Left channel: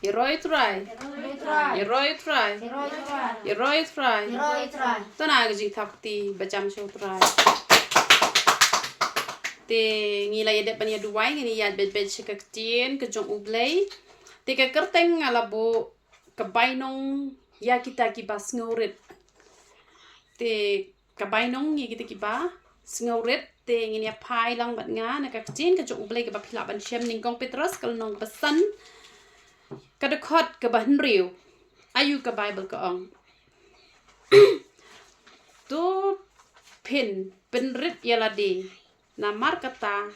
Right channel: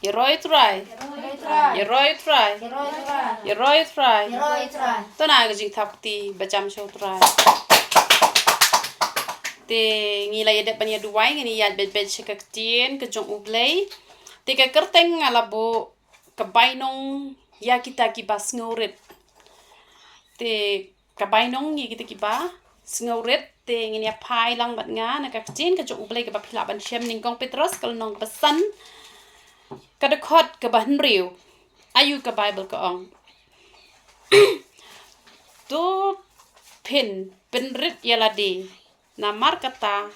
Yeroi try. Yeroi try. Yeroi try. Tôi nào cái gì thập thì bà chăm sâu try. Te ngilay ada panya duway ngini yad bet shakaktin ke jong ublay. Te ka kerteng alabo ka bainong ya kita ki bas ngewrit. Te ka bainong ya kita ki ba sngewrit te ngini pai lang bat nga na ka ktin ka jong ublay ka ba phila ban shem ning kong Petrus kal nong ka san ka dekot ka ba henriu. Ayu ka Bible ka ong. Tu pin penrit yalade. Namar kata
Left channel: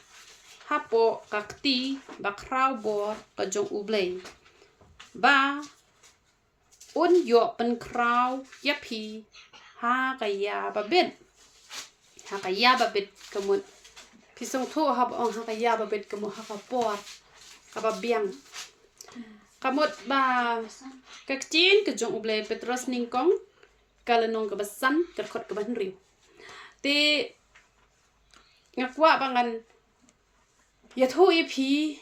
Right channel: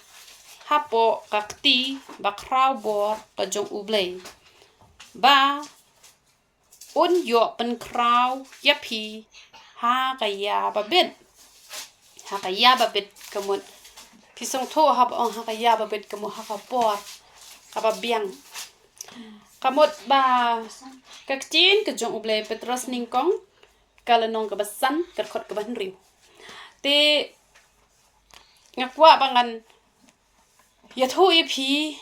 hapo kakti bakrau bor ka jong ublay ba un yo pen krau yapi ha kaya babit kamut pisong tho hab ong ha kaya babit kamu ha ka por ka biang kamut ba kaktin ka jong ublay Petrus ningkong kalanong ka basan kerkot ka banriu te ngakwa bangan yatho ipi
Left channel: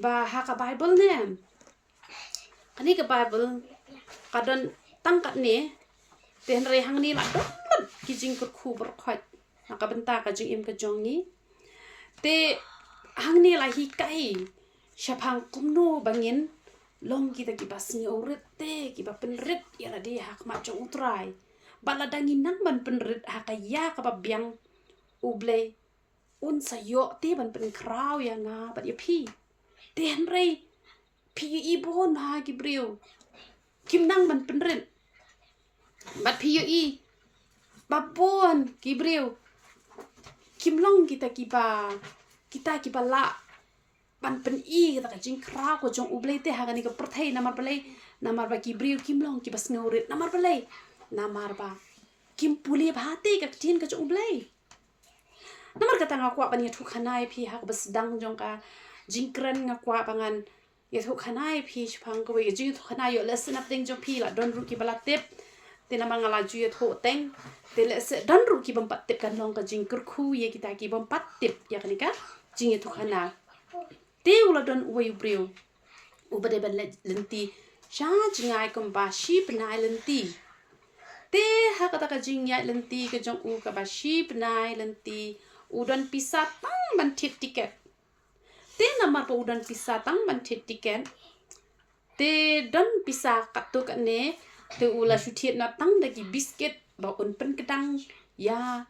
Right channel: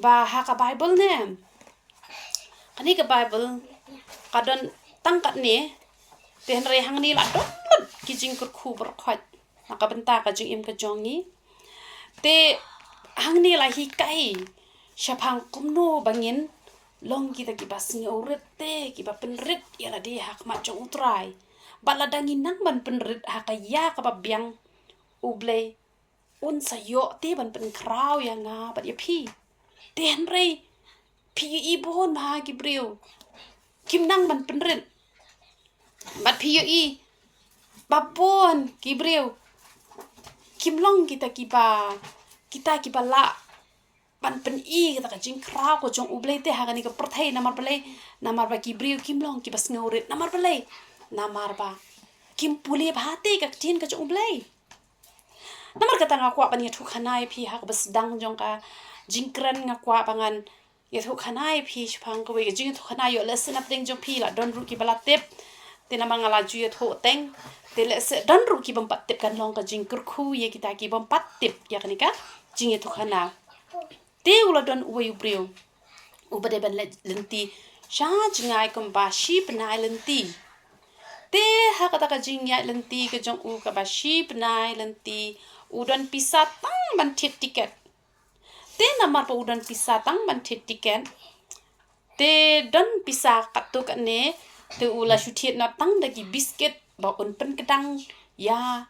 ba ha ka Bible nem kani ka Bible kadon tangkat ne ten re hang ni la ki jing kur khu ber khwat ka benta ka jing im ka jong ni te hang ni la hi kai shapang kumno bangin long kita ki bas ni urit te ki ba penrit ya la di hak ma jong utrai bala dangin nang ban penrit ha ka ya ka ba biang ublay un sayo te ban pen krau ya nga bat ya pi ten rei pi i bon ha ki briu kim nang ban pen rin bat pi i babon ki briu kim long kita ki ba la ban pen i kita ka jing krau ko jong ublay te ha ni ka perthai namar ba ki briu kim long ki bas ngeurit namar ba kim puli ba te ka tin ka jong ublay namar kata ngakwa pan yathu khanai phi hak bas dang jong ka jingkran ngakwa pangan yathu khanai phi shpang ko ye jing thu khanai yo lesson up ding jong phi la don ru ki bala tep te na mangala ju yathu teng te le se don ru ki bam pat tep kan long ka jingkur khu ye kita ki bam pat tep ya kan ka jing yathu khana te ula don uwe ubreu ubade ban lenti sha jingai kom ba shi pnai lenti te hakata ka jing ya lenti ka jong u ka ba shi pnai lenti udan pisah tang ban tiket te namar pa udan pisah tang ban tiket te don pisah katuk ne te ula shutiet na tang dagi biscuit ba un pen kedang ya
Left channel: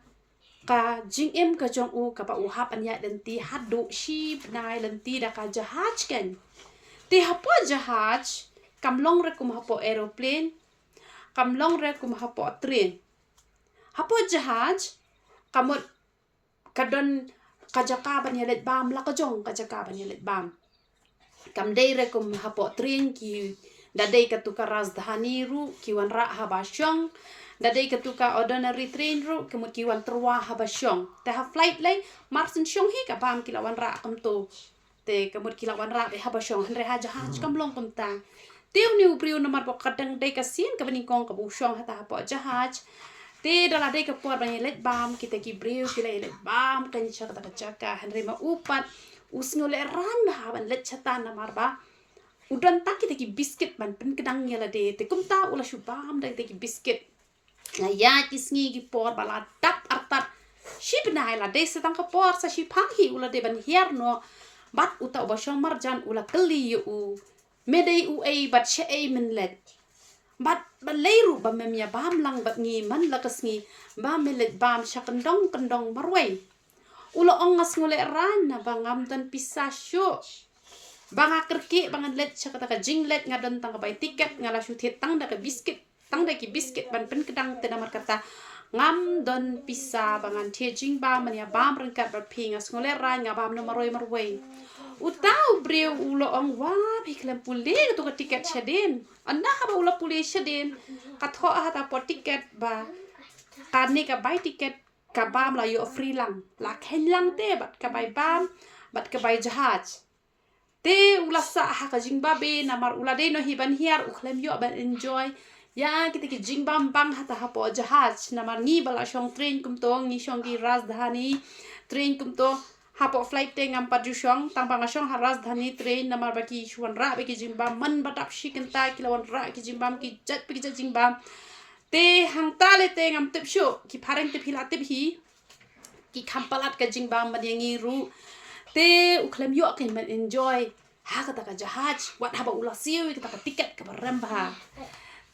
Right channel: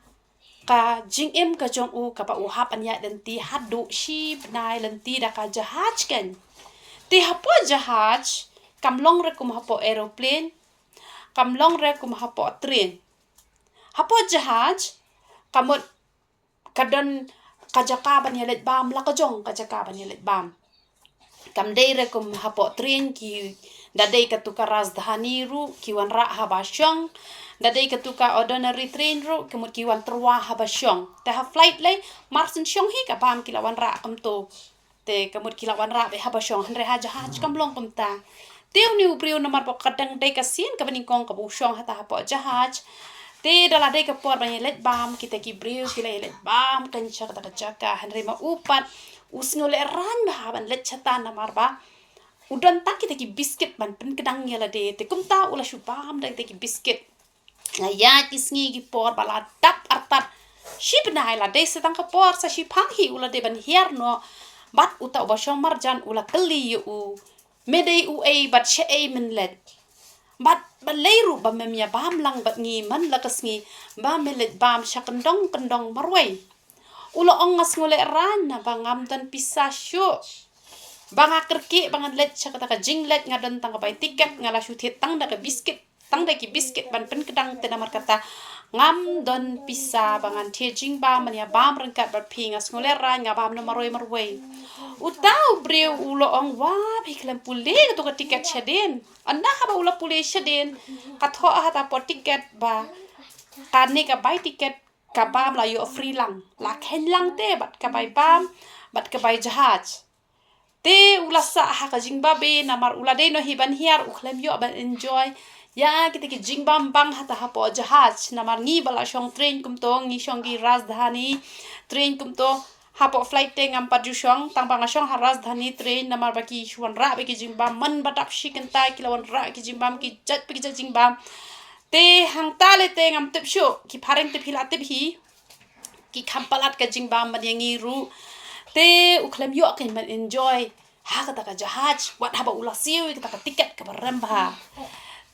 ka jing em ka jong u ka pa u hap an ya lenti hadu shi nai lenti da ka jahaj kan te hapo jahaj kamlong re kum hapo aeroplane kamlong re kum hapo train hapo jahaj kamut kadon kajaka ban yelet bam la kajong kajaka ban yelet bam kam dei re kum hapo train ki da dei ka tuka rajdhani ru ki wan ra habasyong da dei ka tuka ordinary train ru kemut ki wan trwa habasyong te ha flight lei marsen syong hi ka bam ki la wan ra kam to te kemut ki la wan ra be habasyong re ha jahaj kam long kum ta teu ni upriu namar po kadang dei ka sin ka baning kong ka bu syong hata hapo jahaj te dala dei ka por ban yelet bam kita ki briu ki la yelet bam kan chaka ta chaka hanre ma upat usngole ran ha ban let chata namar ba udan tak kita ki biscuit ban pen kedang yala de te kumta ula shu bam da ki biscuit na ya ki sngi ki por bala tap artat ship na ila de se tang ka por sa shi phang hi ula de ban hier no bat uta ba shong marjan ula kali u medei u ei bat she ei min let bat baleiru ba memya bam lang bat ngi man la kasngi ba melet bam kandong marwai ulo ong ngas ngole ran na bangam dan pisasyo banga kerki bangan let chakata ka jinglet ngadon tang bay tiket ngala shutit tang da ka biscuit tang da ki biscuit ban pen kedang te namar kata ngam don pisa bangan tie jing ba mania bam rengkat bat pinga ngole ran ngabam no marwai utau breu ulo ong wa biklam pule to ka tiket chaden anda ha ba ulo pule chaden katho hata po tiket ba karne ka bay tiket ka bam la yo free lang la khen lang te bat ka bay bam bat ka bay jahaj te ula sa ha ka jingba be namar ula de no hiban hiar ukhlem yo ban enjoy ya kita ki jingbam bang hata ha po jahaj namar ngi bala shong train kum to ngi shong gi rajdhani train kum to hapo flight te ngam pajushong tang bangasong haras dhani train namar baki shwan ra baki jimbam man batap shikenta kilawan ra ki jimbam ki jat baki jat jimbam te hang tale te ngam tip shu ki phareng te phila tip hi ki khampalat ka jimbam man yangi ru te ukhlem yo kan man enjoy ha kata ka jahaj wat haba ula siu kita ka tiket ka baramba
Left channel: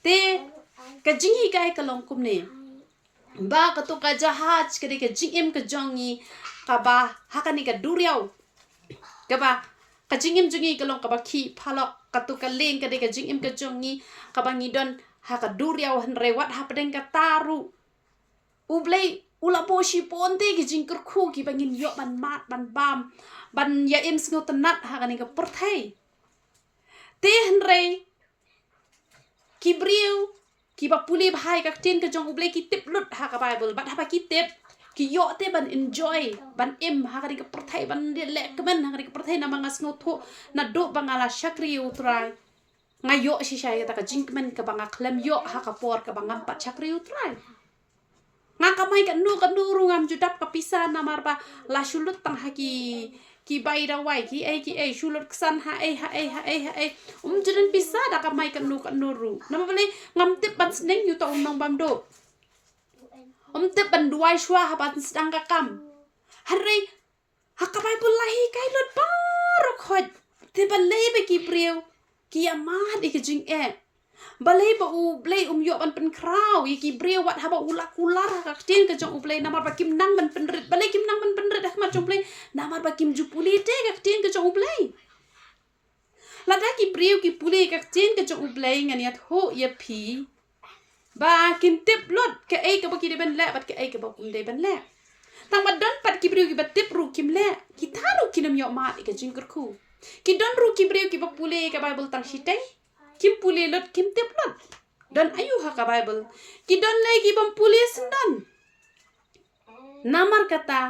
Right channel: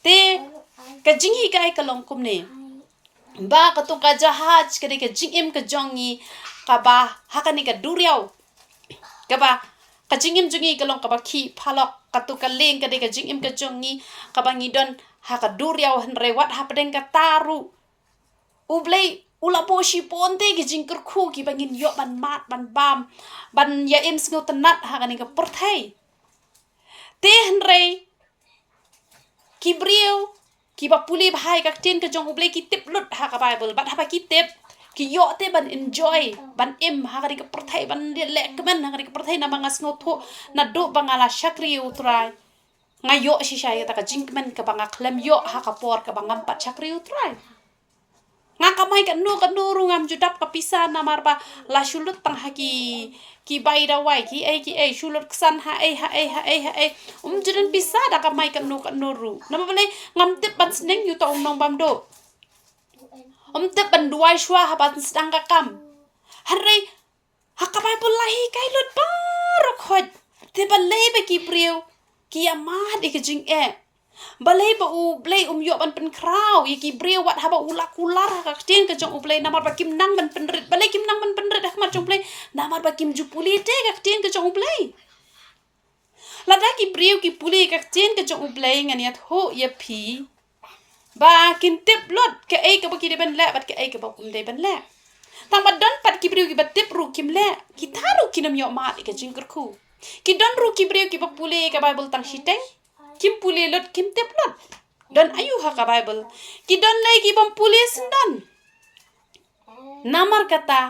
te ka jingi kai ka long kum ne ba ka to ka jahaj ka de ka jingim ka jongi ka ba hakani ka duriau ka ba ka jingim jungi ka long ka ba ki phalok ka to ka leng ka de ka jingim ka jongi ka ba ngidon ha ka duriau han rewat ha pedeng ka taru ublei ula boshi ponte ki jingkur khu ki bangin yo ban mat ban bam ban ya im sngo tanat ha kani ka porthai te han re ki brio ki ba puli bhai ka tin ka jong ublei ki tip lut ha ka bible bat ha ba ki tip ki yo te ban enjoy ban im ha kani ka porthai ban le kemen ha kani ka porthai na mangas ngo tho na do bangala shakri utrai ngayo shisha ya ta ka jingmen ka banga klem yo ha ka por ka bangam pat shakri utrai nga kamai ka nu rungam judap ka pisa na marba la shulut tang haki ki baira wai ki ai shulut ksan ha ai judan pisa da kamai ka nu ru na mabale ngam tip ban sneng yu tong nong bam do tip ban duai shwa ha ban sedang ka kam hare ha ka bai bulahi kai lut par khot te ban le ba ki priu ki amad ik jing balai ba u blai yo ban pen kraw yaki breu wat haba ula kular ka tin ka jong u blai namar ba kim nang ban penrit balai kim nang ban penrit dak mat jong blai namar ba kim jupuli te ka tin ka jong u blai lada ki breu ki puli ka tin ka jong u blai nganiat ho ye pi ba kim tip lot ka ai ka ba ki de ban le bat ka ai ka ba kum de ban le tang ba don pat ki breu ki ba tip ru kim le ki tharu kinam yo ma ka jing ku ki don ru ki breu ki ba puli ka bible tang shiteng kim puli lot kim tip lot don ayu ha ka bible ki don lay ki bam puli sendan namar kata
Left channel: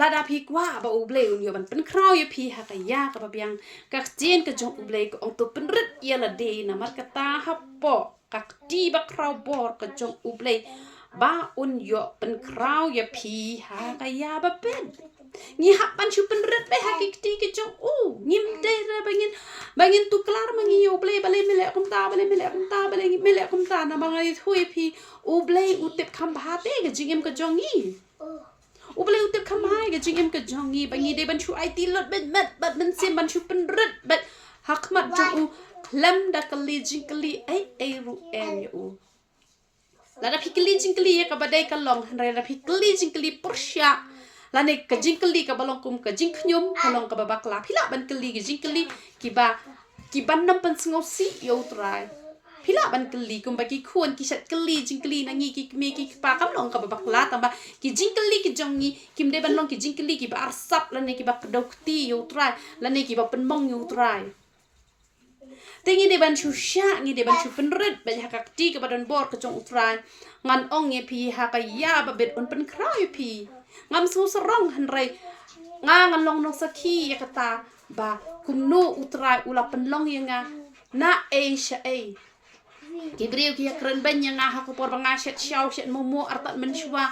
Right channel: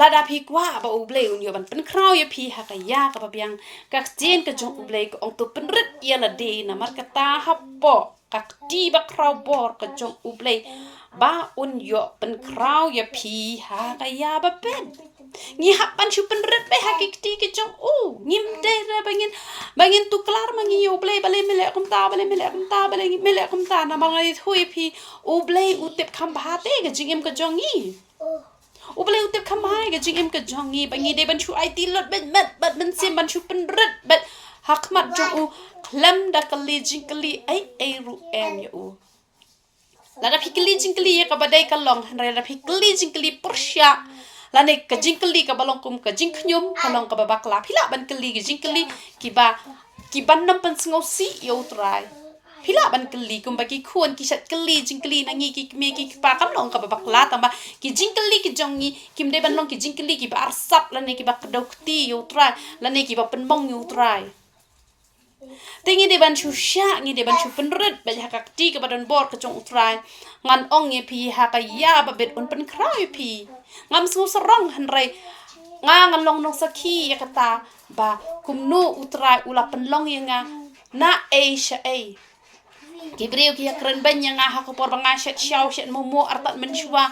lada phi kwa ba uble un yo ban pen kraw ye phi ha ka ya ka ba biang ka chen ka jong uble ko ong to pen rit ya la de namar kata ha po ka ti ba kraw bor ka jong uble ba un yo pen kraw ye phi ha ka ya ba pen ngi hapan chu pen rit be ha ki ti ki jong ngim de ra bangin tu klar mangi yo ble bale mele kum ta bale mele kum ta na mangai thui phi uble utip kham bha te ga jingim ka jongi uble utip kham hai ga jingim ka jongi bangi de ban chu ai ti lot ben met bat ben sim ban chu pen rit bat hak mat jong u lam da kali jingkali ai ru em yo la phi kali jingkali ka badai ka long han ra phi kali jingkali pursya lane ka jingkali ka balong kum ka jingknyum kalong ka babakla phila ban kali ka jingkali ki ban nam pan sngo si yo trai phila ban kali kum ba ki khon ki sat kali jingkali nangi ki me ki pa kam long ka babakla tamba ki jingkali ki jongi kim de ban long ki jingkali ki ba arsap lane ki ba kadokti yo trai lane ki ba penbong yo trai tingi de ban chu sha ngi de ban chu penret ba ha ka ti ka badon bor ka jong utrai ngan ong ye phi ha ka ya ba bet on pen kraw ye phi ngam su sarong han rai ngan long no sakhi ya kata ba kumnu utrai ula pen long ye nga na asia ai kibreu ki kren ban yang ha ko por banga shet shaw shet momo artat men shwa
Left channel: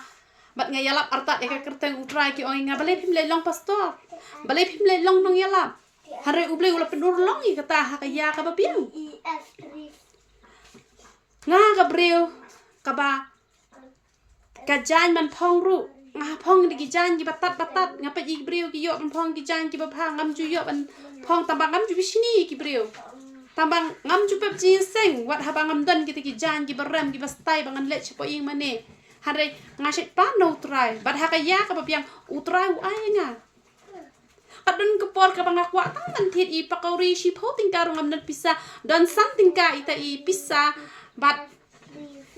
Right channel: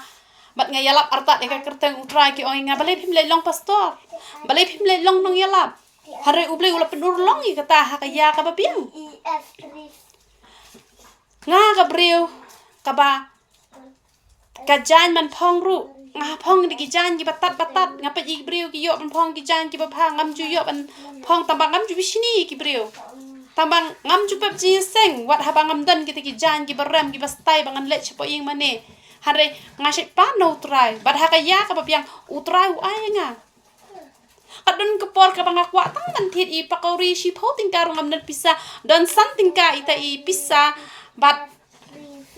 bat nga yalap artat e ka kerteng utrai ki oi nga balai phim le long pastor balai phim le long nong yalap hare uble ula penur long i kata ha ka ya ka ba piang nga ka breu ka ba ka jan man phong ru nga phong di ki jan ki batat nga pa i breu ki yo man phong ki jan ki ba pha ngam ju yo ban phong tambang ngam ju bisini ki breu tambang ngam ju pep ji seng wat ha bangam dan ki jan ki baram ki bastai bangan le chapo ing mane hare nga shet pa no utrai bat ha ka ya ka ba piang utrai u ai nga kadun kepor ka banga kwa tang man thit i pakori shi pho ting ka rongam nan pisa don san ting ka ita i pisa bat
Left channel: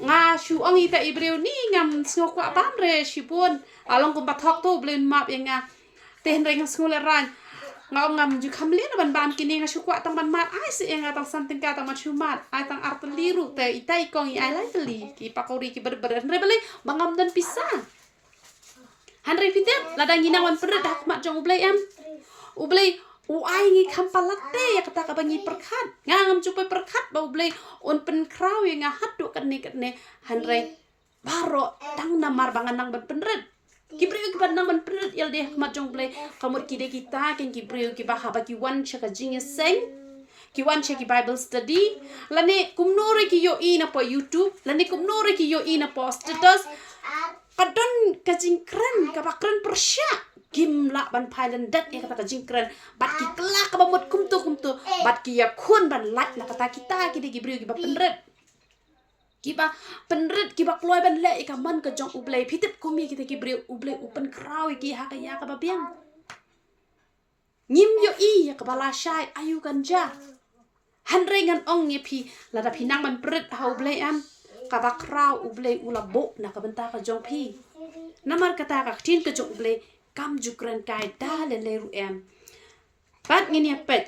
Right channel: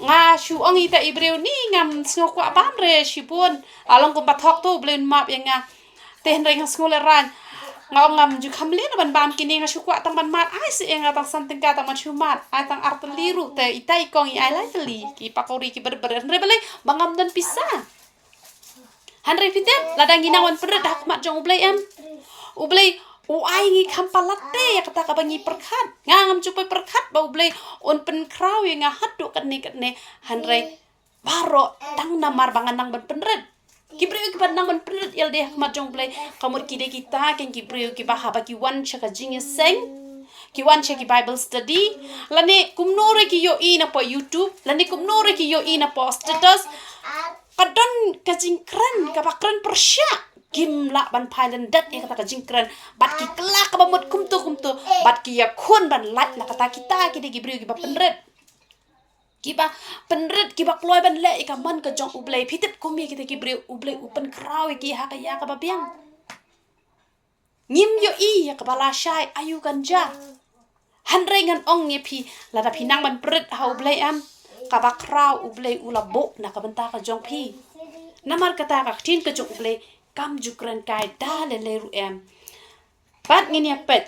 nga shu ong ita i breu ni ngam sngo kwa ban re shi pon along ko bathok to blen map yang nga ten re nga sngo le ran nga ngam ju khamle na ban bam kini nga shu kwa tang ban mat ai se nga tang san ting ka tang man shu mat ai tang art liru te ita i kong i ai lai tali ki pakori ki ber re bele bangam dan pisa Hanre fitem ladang ginawan pedet dak mat jong ublay ublay ai ngi kampalate ya kata ka bangi perkat ngam cupai perkat ba ublay on pen kraw yang hat do kan ne hanre baro tang namar bangan nang ban penret Kibriu ki nang man prit yal deh mat jong play kamut ki de kita ken kibriu ki haba ki wan chaka jing seng ki wan chaki Bible study lane kumnore ki yo ina po YouTube lane kumnore ki yo ina po status kadon ka jingkran ka bakran persya kim la ban pailan dat e kata ka jingkran bat ki kelak ka bamut kumtu bat ki ya khun ban lat la kata kita ki de kibriu ki ba penret kiba penrit kiba kloy ban le ka man ka jong ublei phitip komi kita kibre ublei upan kraw ki ha ka ya ka babiang ngim yo I ya ka bala shai ayu ganja hanre ngan ong nge phi la da phinang ban prit ha ublei am ka ba kraw ublei ulabo na ka banta ka jong phi namar kata ka tin ka jong ublei kam jukran kai da le ru em bat ngin ya pet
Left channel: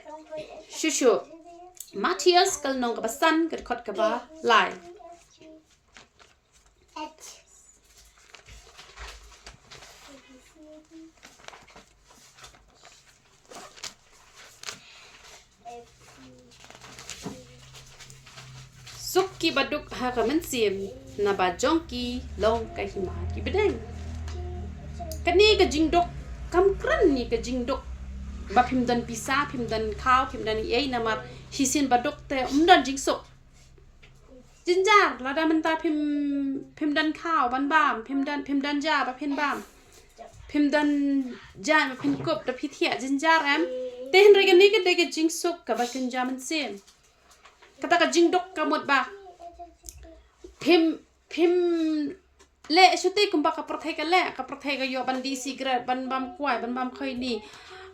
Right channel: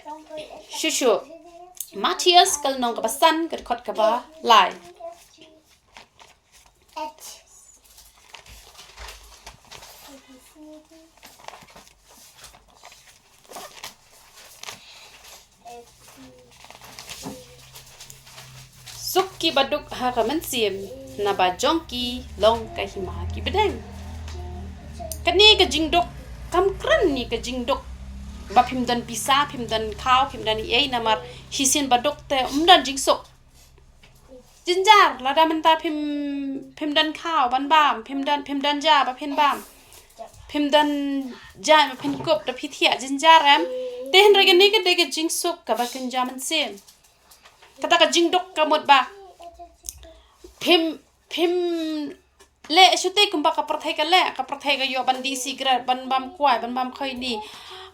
shushu Matthias kal nong ka basan ka khot ka ba lai Sukki baduk ha ka man sim na ba jongki long ka hima ki bedeng kani ka jingdok kam kran ni ka jingdok ba phimdan pisa phimdan khaw phimdan ei namar hisin baduk te umdan jingsok jinjar lada menta phimdan khaw ban bam phimdan ja ba phen bam phimdan ja phen kop da phithia jinjar am te hen rega ni ka de ka jingsok ka ba kin jaman sim kata ka jingdok ka mot ba phim le shute kumba ka prathai ka yo bandi cigarette ban bam kwai ban bam khoi ni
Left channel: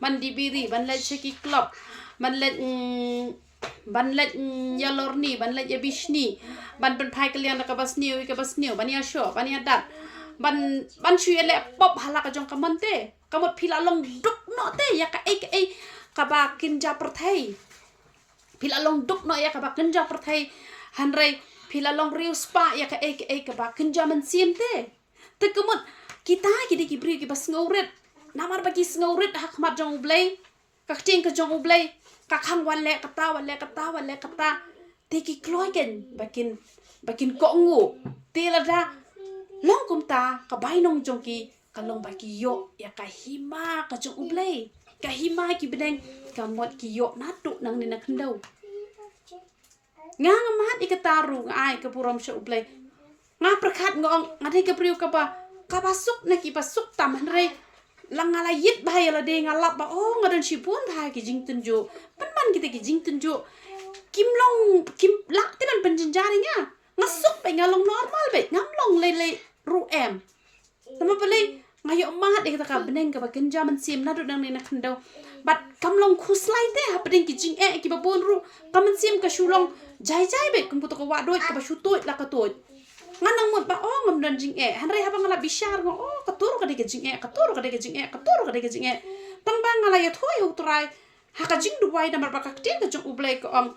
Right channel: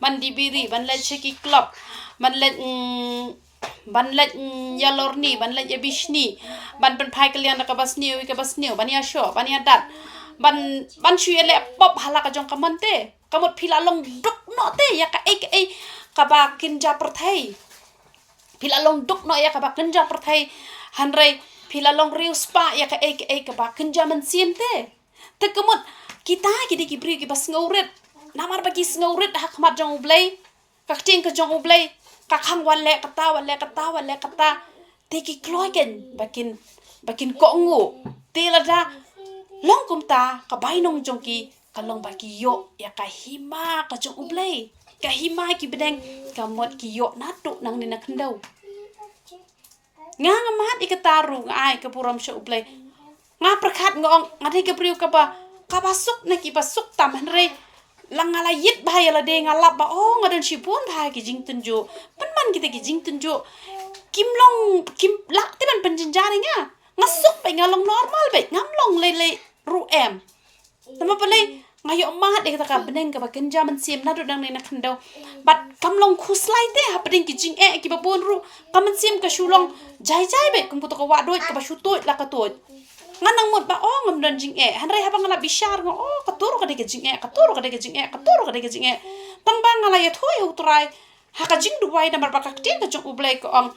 ban di biri ban le cheki club ban le yalor ni ban le yabishni ban phai kalian ka basniu ban ya sho ban ya dat ban shu le pop hala ka jong ka monte kamot phila long duk no te ya ka ei ka ba kinja prathai phila long duk no ya ka ba kinja prathai hanrei phila long riu spa ya ka ei ka ba kinja man sim te kamot kita ki bri ki bas ngawret namar ba ki ngawret ha khamat jong ublei ka ting ka jong ublei ka khang wan le kata te ki kloy ken bakin ko ngu te la da long kum ta ka bainong jong ki ka long ba ki yo ya ka hima ka jong ublei ka hima ki bedeng ka mot ki yo na tu nang ni na khandau nga mat ikataru ai ka puram sha ublei nga prakhat ngong ngati ka priu ka ba suk na ki ba suk tam han re langala yit ba ya la de nga lap ba o nga don shipun ba ki jing tunju pan kita ki jing tunju kim lak ti ban panjin jari nga suk ba nga long normal ba ngam long le ru em nama pale ngayo mat de ka beneng ka ba kenja man sim na do dang ne na khandau bat kam long khuslai te ha peding ki jing ki ba bon ru kam sim ka shulong jai be kum to ka wa do ka ba shu to la ka to nganang mot ba oh ngam dan jing han re ha ba ngala bishar ngo oh ka tur ka de ka jing ka tur ka de ka jing tang ba ngala ya thoi hu trai ha ka jing du wai na mar ba ka ti ka jong ublai ko ong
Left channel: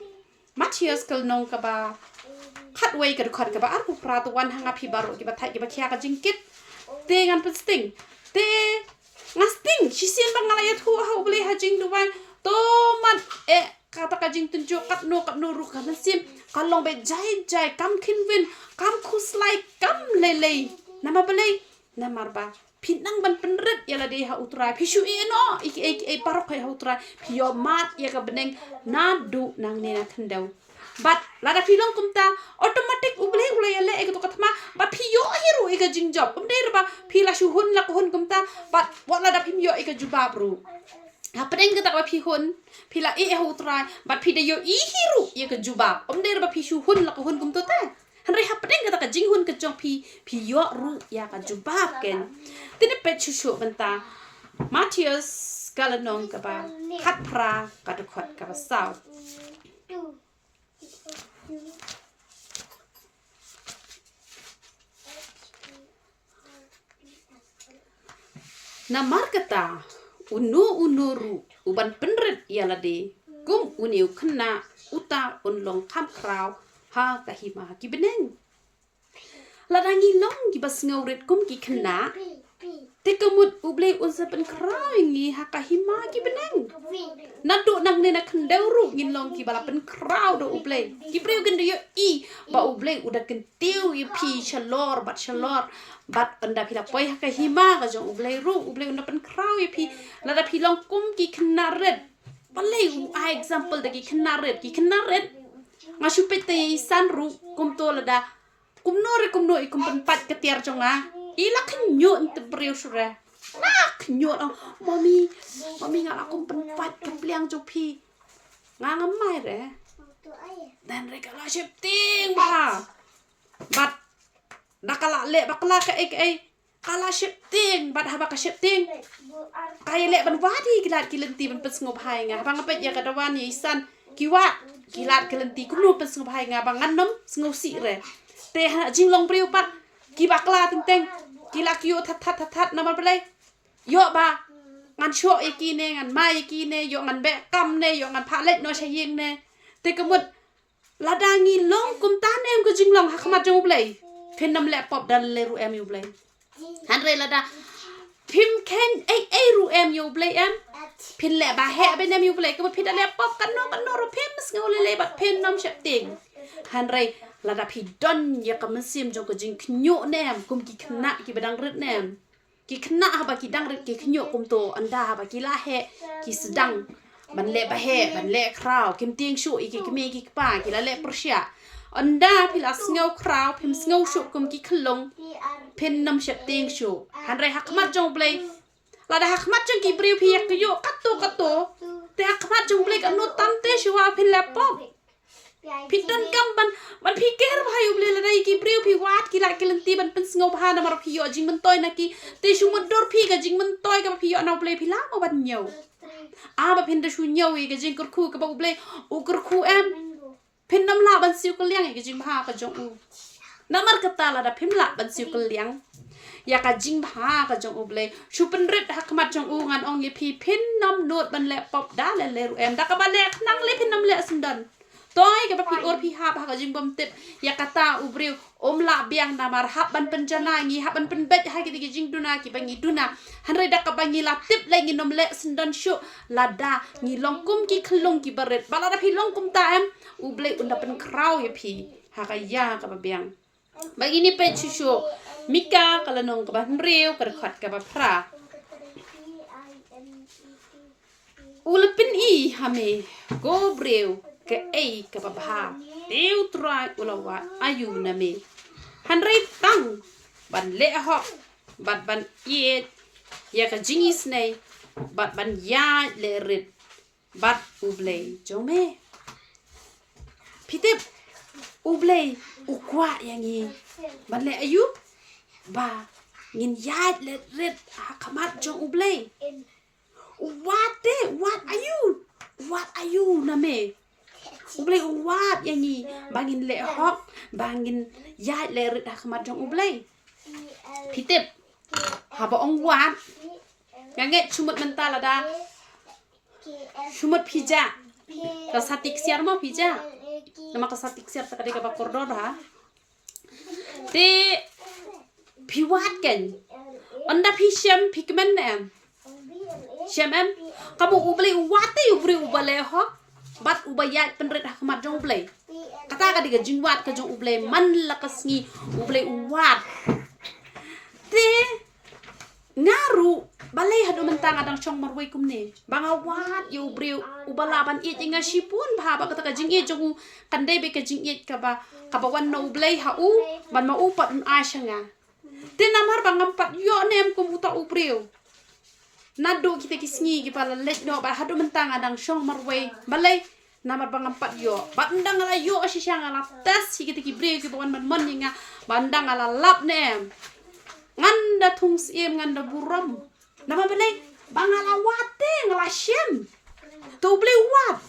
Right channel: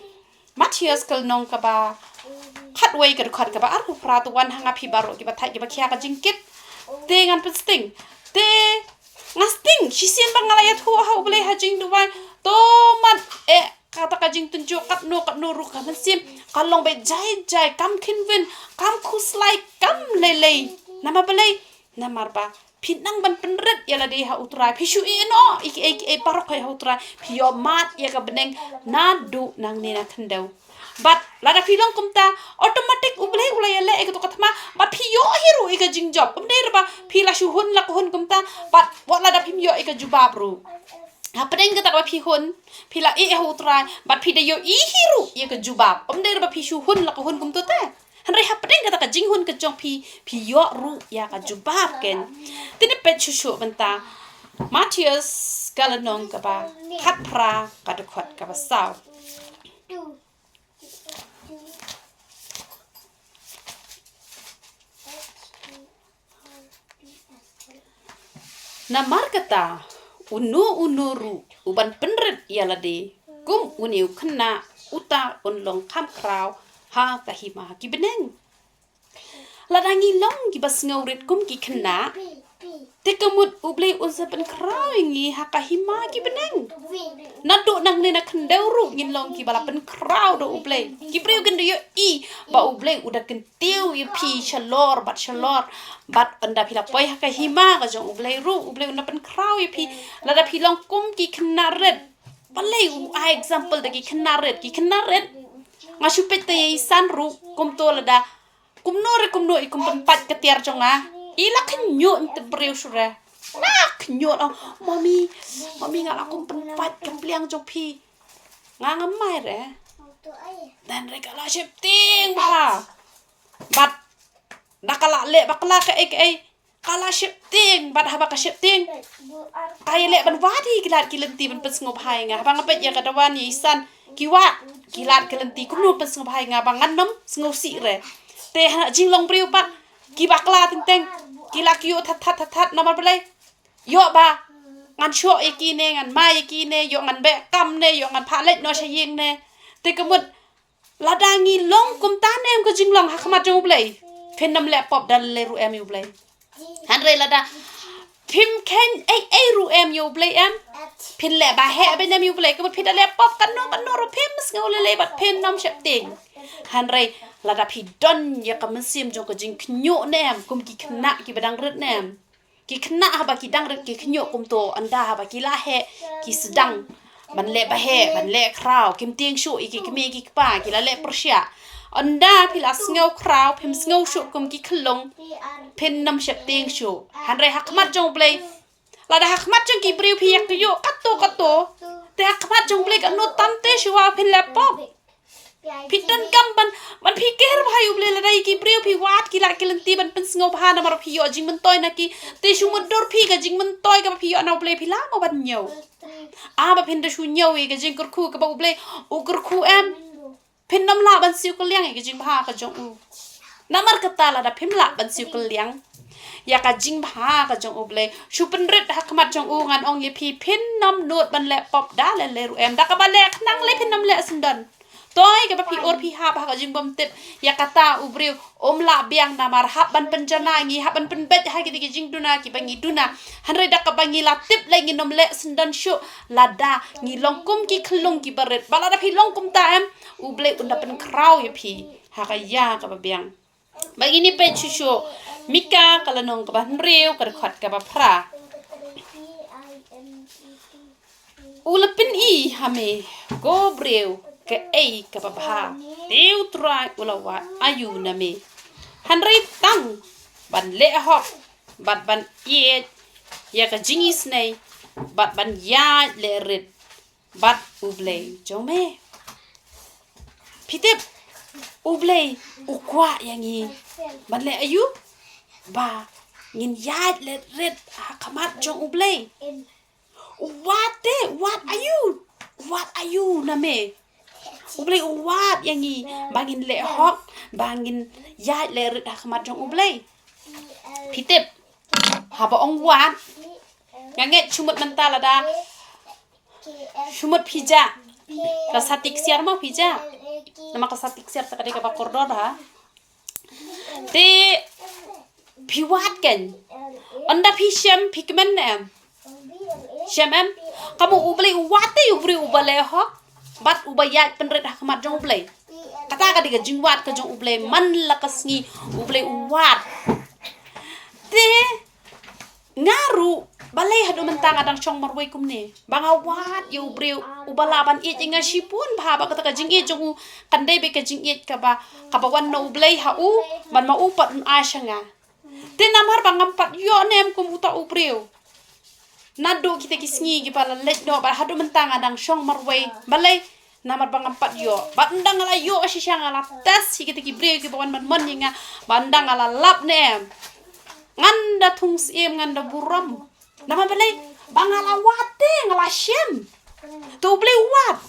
Matthias kal nong ka ba khat wei ka khat ka ba ar ku pra tu wan hanga phi baro ki ba thai ki ba khia ka jing kit te ngan pesting te ngasting shisien bang ngala ya thu ha ublai ha jing du wai to man kata ka jing tunjuk kat no ru ka sim kalong be jai kam khinwin kam khuslai kam lele nama balai namar ba phinang ban penret ya la de ha utrai phishu no e parok ha utrai phio mat ya ka beneng na du nang ne na thandau but lada philong kumta automatic ulai ya le e to kathma ba phio hiru e ka jing job umde ba phila shu hun la hun kumta but what lada phimyo e ka jubab ru Hapeng kita ba pihun pila e hutrai bat pida yo I hiru ye ke jubab omde ba pishu hun la ko hun kum to te hanre hapeng kita ka jing hun ke jong pi yo ru ya ka jubab ken tini pet shushu benta Matthias galanong ka ba khat pra ka de khot ka ba saw na markata unu uban penret yala de kum uniu khna uta long kham kraw ha ka hima ki beneng la dangi long ki bas ngawret kum ki khna te kamut ublay unsa pen kraw ngi hakahima ki beneng nado nang ne na kandawru ngin long ki bala pen kraw do ublay ki breu gen yo I ba ublay udah kentiu y pi chalor bat anda pila poi hakahima ka jong ublay unda pen kraw y pi lada pi long kum ki knaret balay example da ki knaret ngasu pete san ru kum to lada kum no I kum pen pat ketiar jonga ila kenyo ente breu sura nak kenyo mami ngala kum pen pat kempliang jong pi ngamai re dan regala shifting ba bat dakala le bakala ke kala shifting bat haba ka shifting kay le ban wadi kilat kilenti ban pesngop hai nga bang apet ya kadawan yisan kiwat kilat kilenti kumno pesngop hai nga bang annom sngop si re te jinglong priu pat ki bakla teng kila kyo that namar belai yo ba ngan sho iki ne ngan ma iki ne yo ngan be kam ne yo ngan phalet no shaying ne te kamut ladangi long kum tan em ko jinglong hakmat jong belai phenam le pop dal le ru em yu belai han re lada phim ken ai ru em yu belai em phin le ba he be nem yu belai ko phin le pop kan no ro phim sngol le bat phin nom shep ting han re lada phi don ya kam sim jong ko jing knyo nem kum ki khna ki badang rit nem ki khna ha ba ki dang rit ki knyo kum to anda ha ba ki la he ki sedang ban le ba he ban le kraw kim ting shu iki ki me ki pa ki la le persia anda pila sngeu kraw phim sngeu shu kum ki khlong phin nam shep ting shu han re hakmat jong blai lada hakmat jong ki briu phi yak yo kato te hakmat jong blai kan no tante shu wa phin le pop Pitan kam ban pikir bhai uble la dai ki breu phi wat ki la kelenti ban pen sngau bha na mar phi yo jing man toy na ki te shu mod dor phi ga jing man toy ga phi yo na uble phi la mo ban nyau ba phin da shu nyau e ga jing kur khu ka ba uble u kur khu em phin nam la ban siu ko liang e ga jing bha ka jong u namar kata la da phim la ban siu ko liang ya ka jing bha ka jong uble shu pen ret hakmat jong u ngan ong ye phi phin nam not ban le pop da le ru em da ka ba le nang le phin nam le sundan toy ka pi or pi ha ba ka jing bom tip ya kata ubriu la biang namar hab ban penjana ngi hab ban penbet ha ki jing duna ki bangi duna hanre dak ka bangi la tip le ngi nom le sendan shu lada ngi longkum ki khlong ki baret bala da pi longkum ta em uble unda pen kraw ya pi ha ka ya ka ba biang bagi ni pe chu mika kala nong ka ban riu ka khat ka ba phra ulapin I hame go breu ke ka babha teu trai ulawa ayu na me hanrei tang ban le ho ban ye ya ka jingis nei ban ya le rit bat ublei jome pitep ublei ukwa yangi ban le ayu ba ngin ya le rit hakamat jong ublei what are you na me ublay uwat yangi bangin le hok bangin ya le rit hakmat jong ublay pitip haba ong wat nganget chumut mentala da chumut pija kasatik siar ma pija nama kasatik siar takade ka bakordor ha te piwat ken anda pisham pikmen em shamem kamu ublay uwat te ubale hok bat ubayat penret hakmat jong ublay kata ka diga jingwat ka jong ublay man lakasngi ublay uwat te ngaru balay hadu mentang adang chong marway kumne banga wat yu ubreu ubalaban it inga sipun ba kata ka jing it jong kandai be ka jing it ka ba wan no ublay ha u man ma upat un asyanga te namar bangam pat yo nem kum uta ubreu nado kita kisngi ki pala let no ba hadu mentang adang shong marway balay namar bang empat yo bandang ala yo asisang ala tas kita ki breu ki bawan man yinga bandang ala lap nem nganda tung sim nganda buram nama balay bang ala wate ngala shem to bleu wat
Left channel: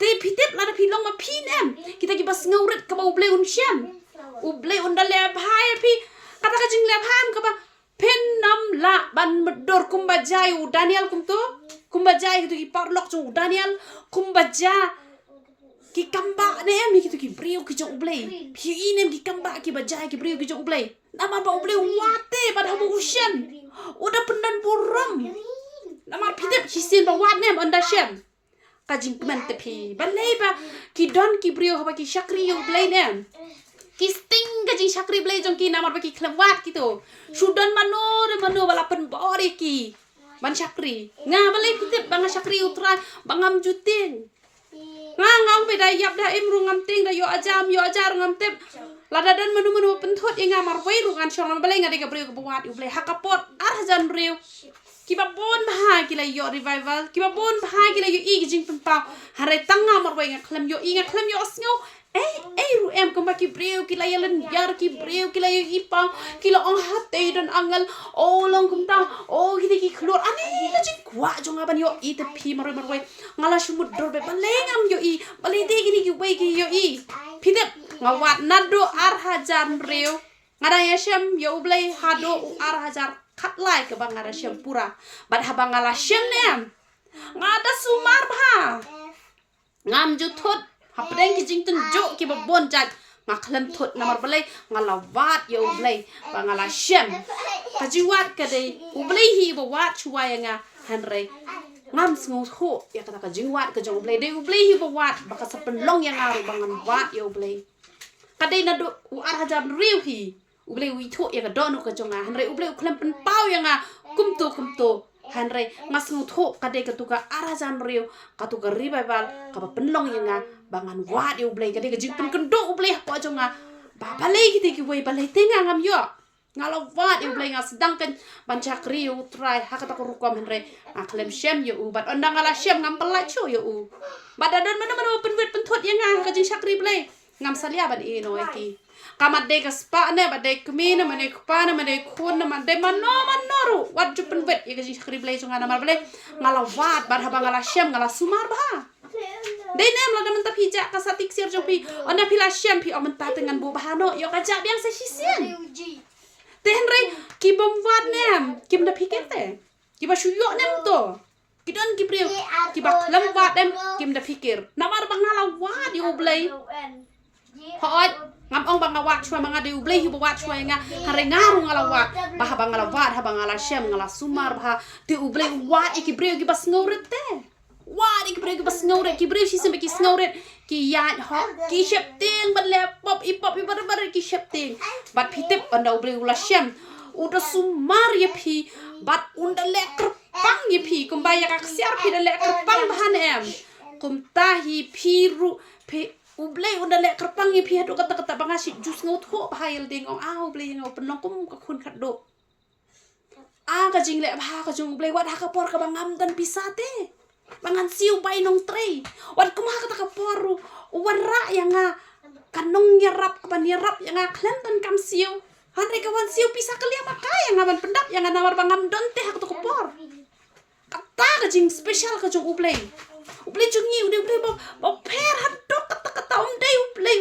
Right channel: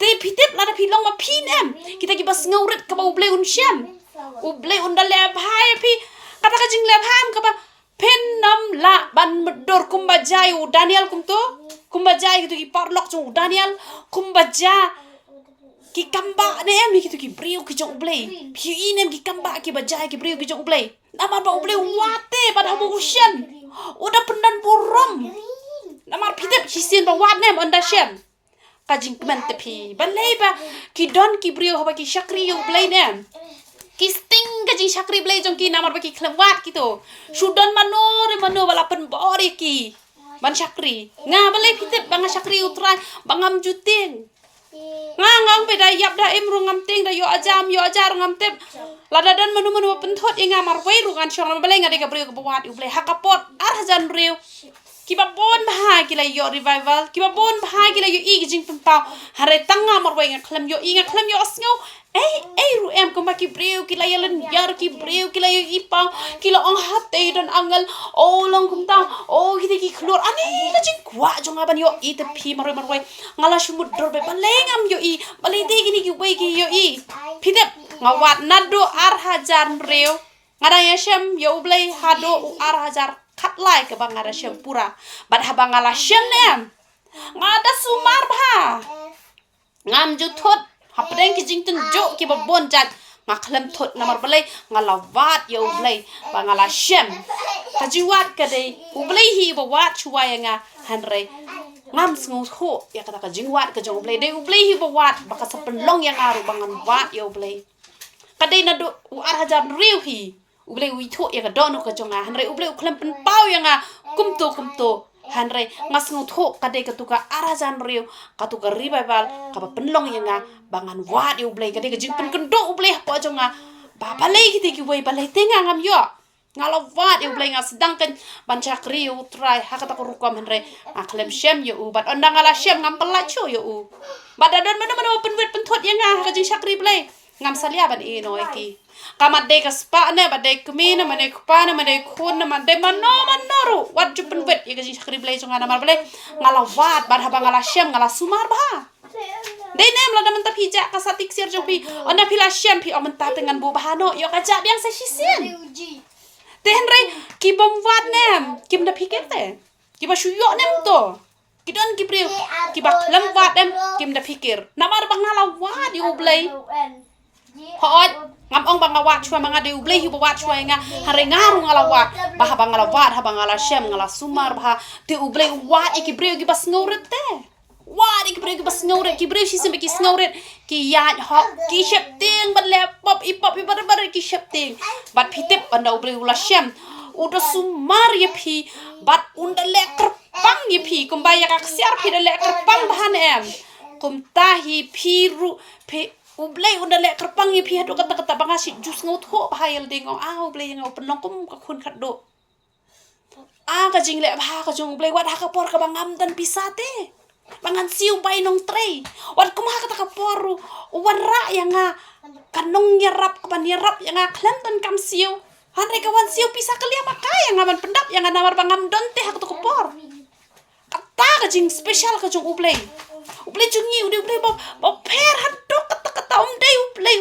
te pitip la da pilong ma pinem kita ki bas ngawrit ka ba bleu un shem ubleu unda le bhai pi kata ka jing le pham ka ba Penam la ban medor kumbajai Daniel kumto kumbajai gitu ki parlok tu Daniel kumbaja ki kamba ne em ki tu ki brio ki jong ublei pi inem ki kamba ki bajai ki brio ki jong ublei namar ba ublei wate pada bu usyan udah pendan buram namar pitep hisin ba wat nem onda shem kajing kemen tepi balai ba ki don ki brio ba ki shakri ublei nem ki sting kajing shakri blei jong ki namar ba ki klewat gitu sudan mano balapan bori ki ban shakri nga balai pitep bang shakri utran bangam juting ngang beda yap da im rungam ting da yo ajar ngam tep lada dan menu pentot yang ngamar wei rungan syong balai ngade ka brio ka buat ublei hakapot arjan riu kiba bon bah kila yo revival kiba bon bah kila yo i jing penpau hare tanga mar wei ngaklam yo i ngaklam yo asngau ru em ko maki brio kila yalan yar ki brio kila yo ipang kila ong hate dan angal long kum ta kini ki klor ani la jing kwa jong aban yo i te pi mar wei ngala shumut dor be balai ngam yo i balai te gini ki wei ki yo i pidep ngawat nado ar hajar brio ngada ya shem yo ublei hado ar hajar kat lai ke bang ada shem pura bad habang ala shem nem ngada sumar bha ngam jutot hapdeng ki jingten jo ki babon jat ngakhlem thot namar balai ngalawat yo ublei bang ala shem kajiwat ka dei ublei hi bawat chuwaya nga hanre ngam sngu ho ya kata ka jingwat ka jong ublei dei ublei hi bawat baka sa penlong yang aru bangan wat yo ublei kadai nado ar hajar riu hi ublei wi tho ya ka donu ka jonga hanre ublei ukhlem pen pau yang kumto hanre ngasngu tho kadai ka tuka arajan riu ka tuka revival ka penlong yang bangan wat yo ublei kadai ka jingpen kendo ublei pa jonga ba balai ki ki wei balai tenga ngam yo ngalawat yo ublei sedangkan bancak riu try hakata ko rukom hanre aklem shem yo bat ondang ala shem ngam pelacu yo badadan mana penwet pentot yang ka jing syakri ublei ngam salia ban ino iki kamat de kaspa ne bade kumina mane kupana mane khun mane mano wat jupen wet ya gaji sakri blai jonga namar blai ngalawat bar haba ngala syam ngala sumar bah de nem la damen tapi ja kasatik sir jopi ona pila syam pi omenta dengan bu bahano yo kaja biang sa sisen te henry ki bom wat nem kim da pikete ki ba shuyo nem to kidon ki priu ki ba lem wat dem kim da pikir namar bang ngalawat yo blai hot ngam ong bang awak chua manga de ublei hu bawat chua nga hare ngaru ngalawat bah bang ngalawat ha bang ngala shem ngala sumar bah te ublei wat iki breu ki bas ngauret te wat iki breu ki bas ngauret ki breu si sembe ki ngauret ki yat hot ki shep ting ban laptop ipop bar ki shep ting bat pitip onda ublei ula shem uda sumar ye pi bat unda le kerpang ye pi kumbaya kak siar pi de le kerpang bahan em kum tahi piru pe ublei unda lek kerpang ye pi hadu kata bangasi jus ngau tho bahayal dingong ublei ngau penong kum ka khun khaddo ka jing lek bha ka jong ublei wat ha ka por ka bangam dan pisate bangan siu bainong trei wat kum ha kata ka poru wara yang kanong nyerap ka nyerap yang klan dan kam siu han kawan siu pisa kelia makai yang ngaman pendap yang nawar bangam don teh ka to por kata ka jing special ka jong ublei jungi ublei bo per haddo kata dei ublei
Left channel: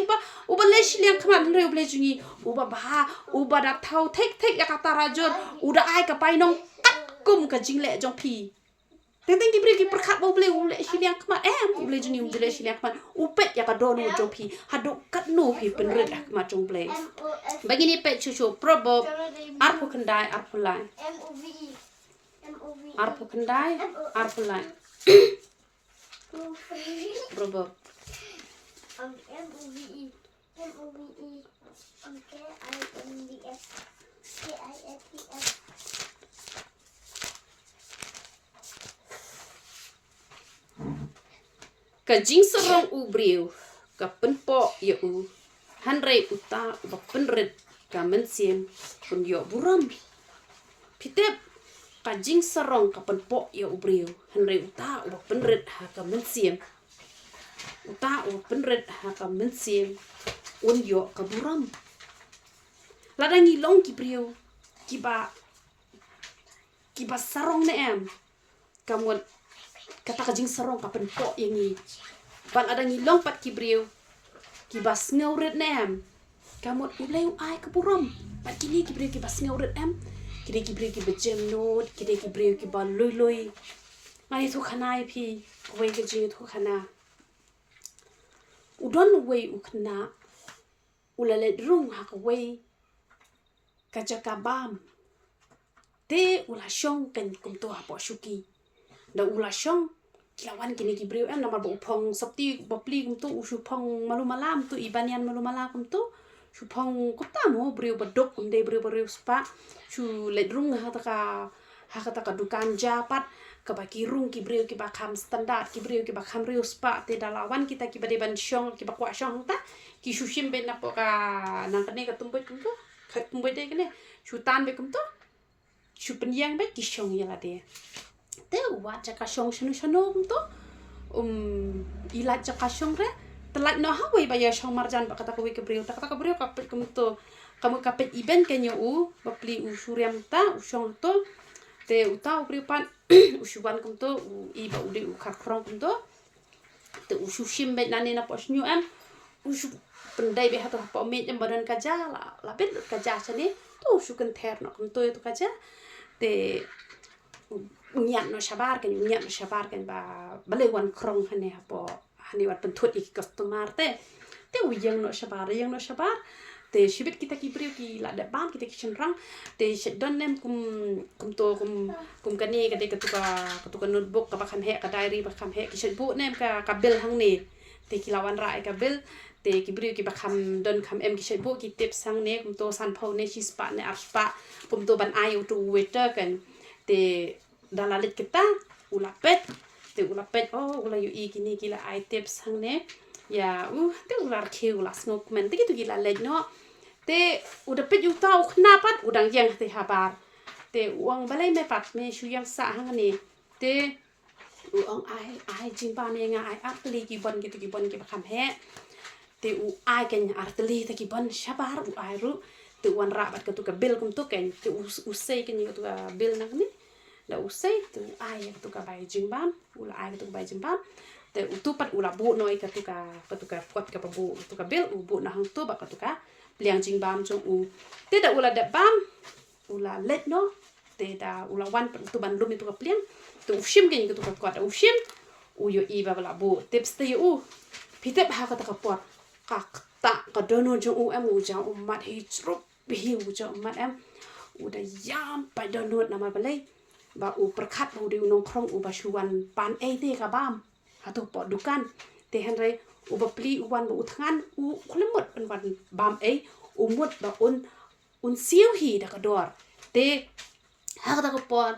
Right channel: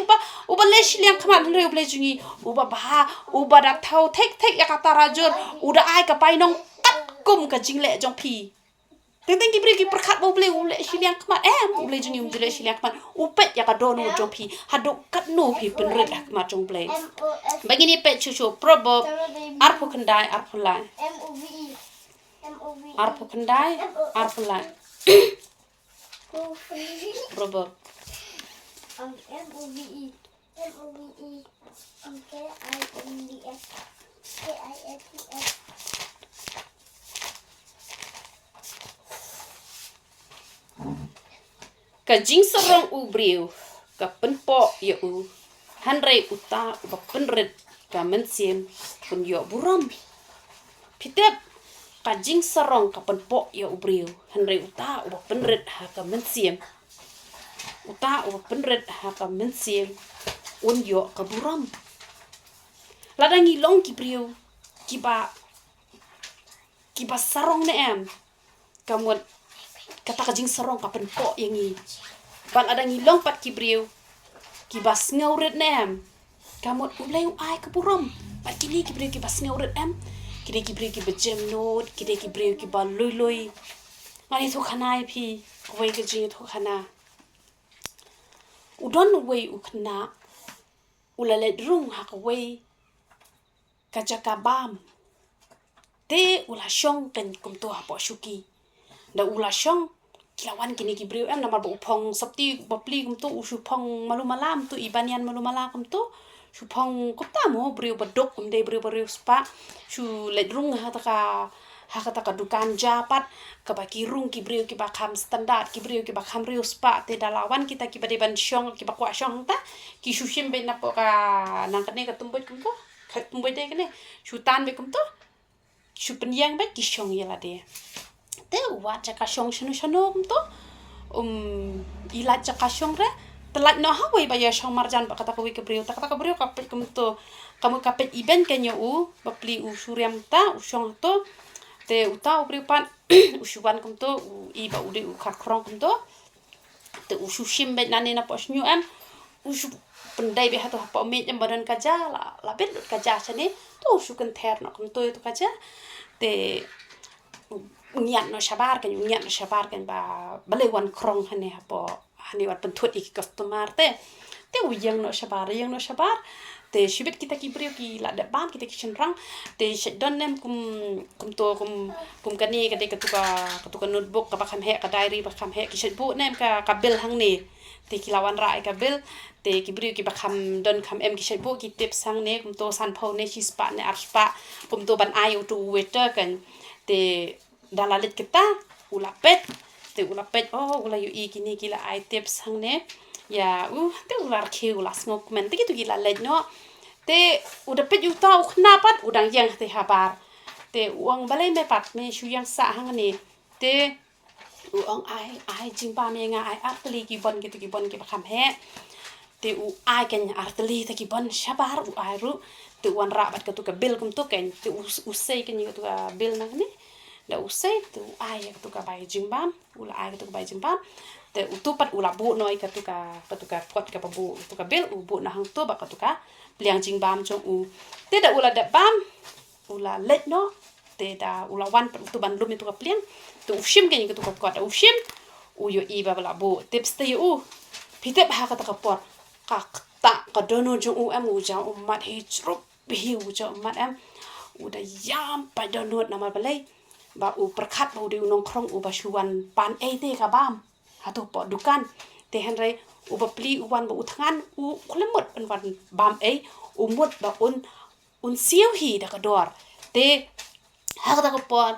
uba lesh liang khaman re ublei jungi uba bah uba da thau thek ya kata rajur uda ai ka painong kat kum ka jingle jong pi teng ki bri ki perkhat ublei liang khaman ublei jungi ublei liang khaman upet ya ka dono jong pi haddo kat no pi penret khamat jong ublei bagini pet chuchu proverb arpo kendai arpo lai arpo kendai arpo lai proverb MOVE KINDS KISTS kajing serong ubriu ka penpo ya hanrei uta ba penret ka mensiem pun yo buram pitep kajing serong ka penpo ya ubriu hanrei uta ba penret ha ka mensiem uta o penret ha ka mensiem un yo ka buram ladangi long ki brio kiba sarong ne em kamot kata kajing sarong ka penpo yang ni bang ada ngilong pat ki brio kiba ngauret ne em kamot ulai ai ka buram pat kini ki brio kiba ngauret em kini ki brio kiba jem not kini ki brio kiba loi ngani thu khanai phi koi ka jing thu khana udon way ukna ulalet rung hakaway kajakabam te ula shong kan kumto hapo shuki da ula shong kilawan kini kibriu namal ba upong sapti bapli kumto usupong malumalam tu ibanian malumala kumto supong kopta mo briu badok kumde briu spa su ledrung hataka dukan japat kabaki rung kibriu ki bakam standard kibriu ki bakam riu spa te dalawan kita ki bade ban syong ki bakwa syong ta ki sushim be napo ka nangkane ka tumbut kumto katumbut de kene sutan be kumto su penyang be ki syong yala de te wa jaka syong shanu kumto ilat jaka syong re telat no hawe ba ya syong marjan ba kata kawi kebriu ta kata kebriu kapet kumto kamu kapet event kenyo bapli suriam ta syong to te uta upripan usuban kumto iba ude ukarkrong kumto te usushim be nane na posnyu usu pendai be hato pa met em badan kaja la bet kaja chane to usukan ther no kumto to kaja te ngian no shabar kan ba balewan krong hane hapo hani wat pentut ik customer te uyang no shabar te shibit kita kibriu ki la da bam kita kitchen rang te shedon nem kum kani kade katuka notebook ka bakam he ka diary bakam he ki shedbu nem ka bil hang ni te kilawan ra ka bil te kibriu ki bakam don kam em ki shedbu ki tips hang ne kum to san phau ne spa ne arspa kum to ban ayu tu waiter kan te dalalit kita ulapet ula yu kini kila ai tips hang ne ya te ular ke ulas ngok men te gitu gila lej no te udah pet yu tau knapat udang yang te habar te uang balai me pat me shu yang sa hang ni te uang ai jingba me nga ai artli ki bon ki bakam he te ai ken artli te ki bon shabar ai ru te uan rabat ka tu ka bil kum tu ken te usai ken tu ka bil na ni la usai tu ai tu ka bai jingbam ula ai tu ka bai jingbam te utupat ula bu noi ka tu ka kot ka bu tu ka bil bu na hang tu ba ka tu ka liang jingbam jong te da ula da bam ula let no te da ula wan tu ban lum tu ka pliang tu ushim ke ni ka tu ka kot ushim yo i ba la bu tips te pitep ha ka ta ka por ka ta ka dono jong am ja mat hi trup hi ja mat am uda yam pa dono na ma balai ba perkat ba udah nong krong ba shuan pan te ka bam atau po dukan te hanre bapli uwan ba uthangan kulemut ban bam umut ba un siu hi da ka dor te ha ka por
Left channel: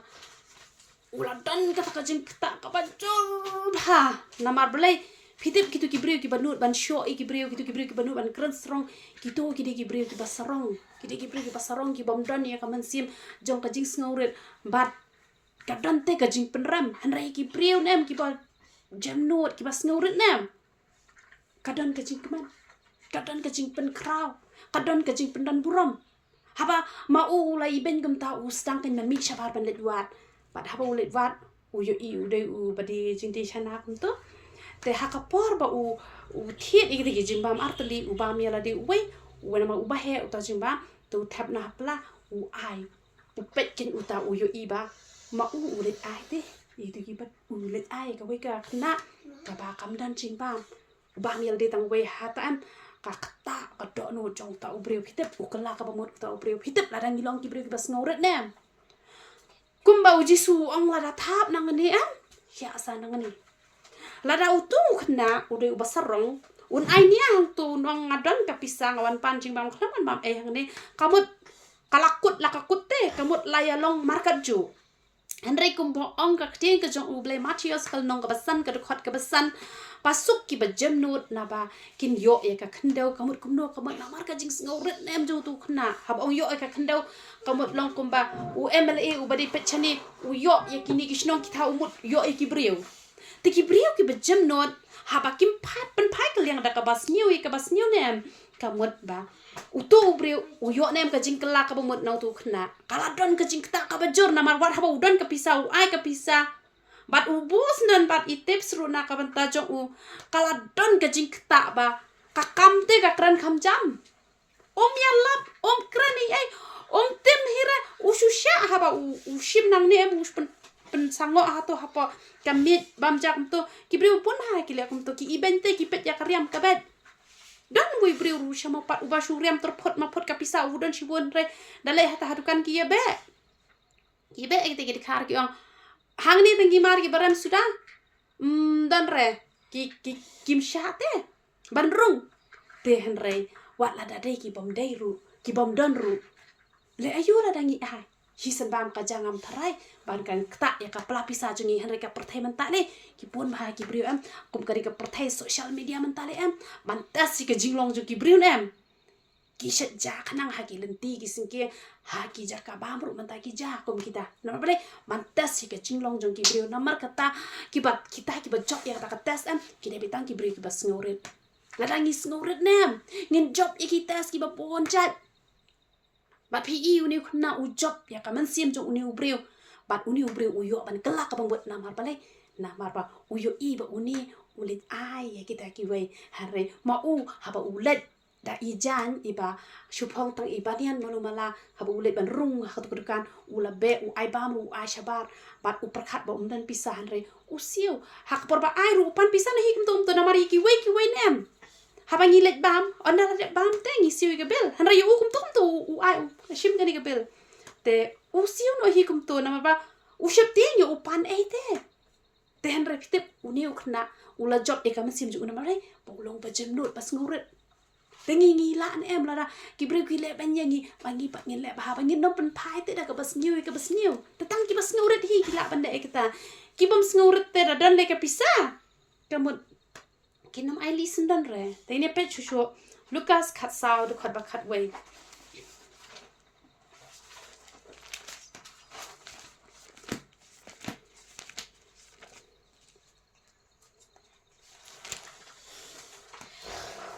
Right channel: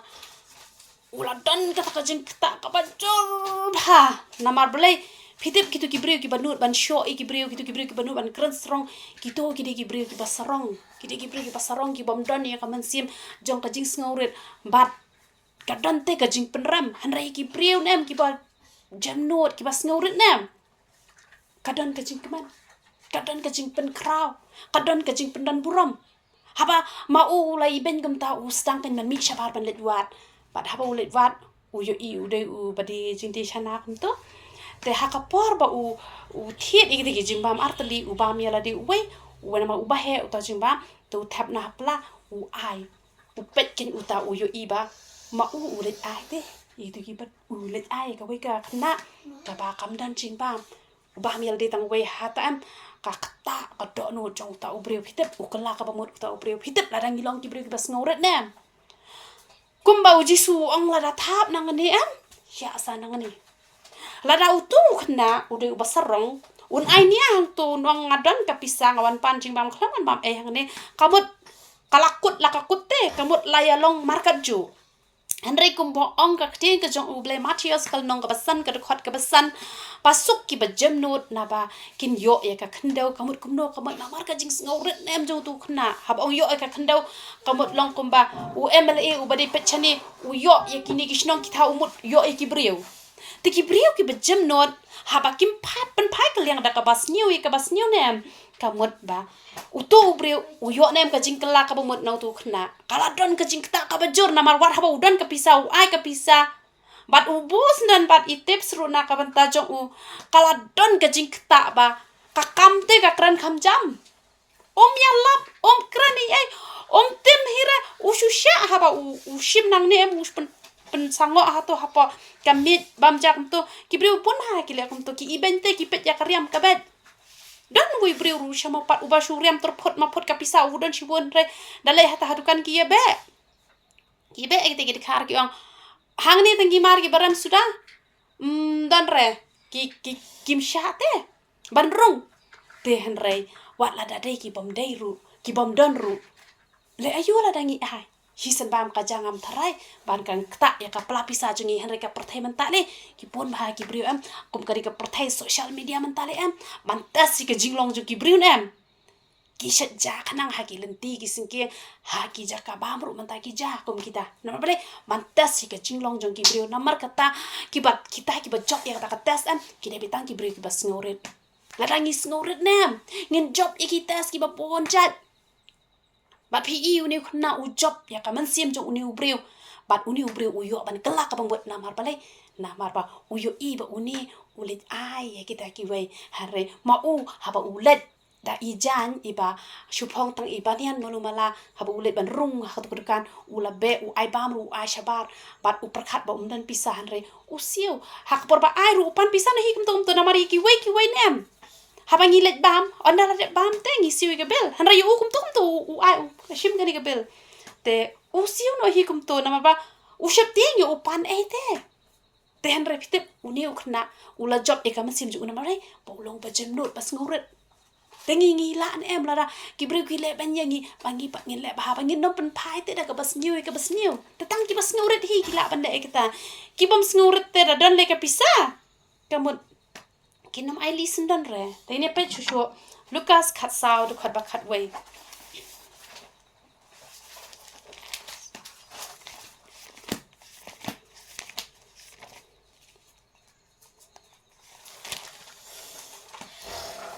ula dan ka jing ta ka ba jor ha namar belai pitip kitu kibriu ki banut ban sho kibriu ki banut ban kran strong kitu kibriu ki basarong kibriu ki basarong ki bom dan ya kaman sim jong ka jing sngewrit bat kadante ka jing penram hanrai ki priu nem ki ba jamnot ki ba sngewrit nem kadan ka jing keman kadan ka jing pen kraw kadan ka jing pendan burom haba mau lai ben gam ta stang pen man mi shabar ban let wat bat haba let wat yo i de badi jing ti chana kum to te hakapor ba thiet ki jing bam artali bam yala de we wana ma uba he uta jing bam tu thap na hapla ai pet kin uta yo i ba ma ulet ai te itu kibat ulet ai ka we ka khna ka ba kam dan jing bam ba miel de tang we hatam ka kata ka do no jong ta ubreu hitep ukala ka ba mot ta ubreu hitep la dang ilong ki breu ki bas ngoret nem kumba uji su ong la da thap nang ni ya sa nang ni la da utu khna ude basarong un ai ni ang tu nong ngadon ka pisang awan pan jing bam khlan bam hang ni kamut kalakut la ka kutte kamut layalong market ju Henry kumbo ong ka kting ka jong uble materials kal nong ka basan ka khot ka basan pasuk ki ba jamnut na ba kin yo ya ka khandau kamut kumno kamut na mar ka jing ngawret nem jong tu khna hab ong yo ka khandau kamut long kumba MLA badi pechani yo ya kini kishnong ki tha umut yo ki briu ti ki briu ki ba jamnut haba kim phat pen phai ka liang da ka bas new nem kamut ba utu ubreu uyo nem ka jing kala ka bamut nau tu khna kala don ka jing ta ka bajur na mar war haba udan ka pisa ai ka pisa bat ubus nan bat itips ru na ka banta jong kala don ka jing ta ba ka kam te ka kran kham jam yalap krani ai tim hira ushusha haba ushim nang ne em uspen sango hato hapa kamit bam jak to kibriu pun ha kile kum to ki ibente ki pet ya karyam kabet dan wi brio ru sama pat uba syuriam terpot mapot kapisa udan shibun re dalai hata hadukan ki be kita khar ki ang hang ni tangi mar ki baram sudah dan re kim syate ban rung te han re wat la da dei ki bom don ru le ayu la dangi ai hisan bam ka jangam tharai ban kan kta ya ka pelapisa jungi han re ka perthai mentale ki pon bah ki brio am kum kari ka perthai social media mentale am mantas si ka jinglong ju ki brio am ki shat ja khanang ha ki lenti ki singke ha ki ja ka bam ru menta ki ja kum kita na bale mantas si ka jinglong jong ki brio namar kata ki bat kita ki bat job ya kata tes am ki de bitang ki brio ki bas ngeurit la dangi ngeurit nam ngin job iki tes ki ba pon chat bat PE uni khuna u job ya ka man sim jong uni u brio bat uni u brio u yo ban kelak ka bot namar bale namar ba u yo I ba uni ulit ai ya kita ki wei hare ma u ha ba ulet da ijan iba shupong tang ibanian malumala haba ulet ban rung ha tukan ula be u ai bam ru ai shabar bat u perkhat ba umdan pisahan re u siu hak por ba ai ru pan pisan hi kum to namari ki wei nem haba ngilet bam onda la bam te ngi siu ke bel han ra yu kum to u ai u shim kani ke bel te u siu no hi kum to namaba u shep te ngi u pan ai te han re pitep uni u khna ula job e kam sim ju namare bolong ba jemnut pas nguret tengi la an em la ra ki bri ki le ban yangi bangi pat ngin le ba bangi no pen pai te da ka bas new te tang ki bas ngeuret hi ki la ban de kita ki bam ngeuret te da dan le ka pisa kamut kinam ai listen dan re te ne pe chu Lucas khat sao du khat ba khat wei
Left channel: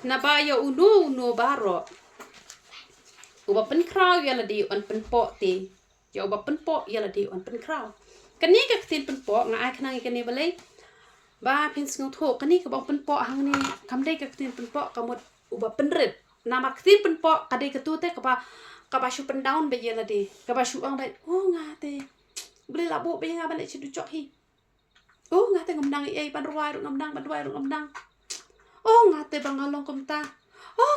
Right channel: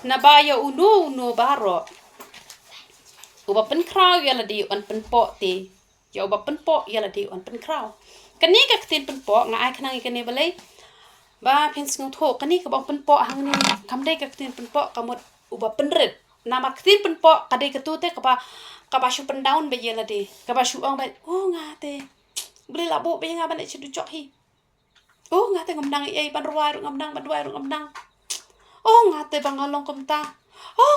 nabaya uno baro uba pen kraw yala di on pen po te ya uba pen po yala di on pen kraw kani ka tin pen po nga ai khanang kani balai ba pen sngau tho kani ka ba pen po hang ni kam dei ka tin pen po kamot uba pen red nama tin pen po ka dei ka tu te ka ba shu pen down be yala di ka ba shu ong ba nga te beli la bo be nga ban chu du chok hi nga te ngam nang ai ban ruai ngam nang nga te bangalong kumta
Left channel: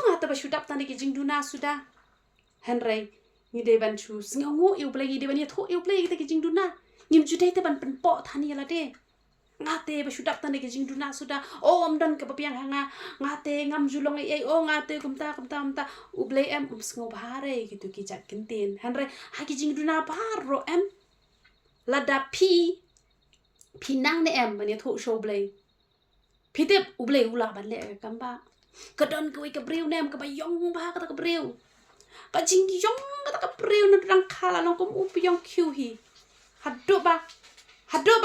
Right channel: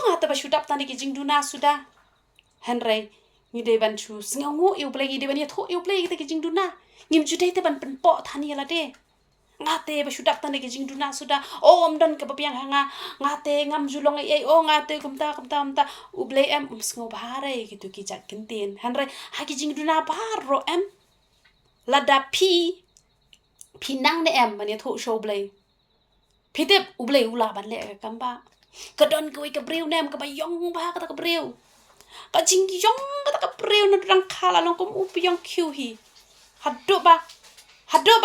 nga te ba shudap tani ki jingduna sudah hanrei ni de ban chu sngawu eu play de ban ya tho eu play te ki jingduna ngim ju te ban pen po thani la de nga te ba shudap tani ki jingduna sudah om dan ka bapiang hanga nga te ngam julong ai nga te kumta u play em sngaw bahare gitu ki jat kintin hanrei ha ki jingduna bar ro em la da pi nang ne em ban ya tho show play pitep ublei ula ban le kamba kadon ko ka breu nem ka bayong ba ka ka breu ka jing yong ka breu na rang khala long kum upyong khiu hi haddo ba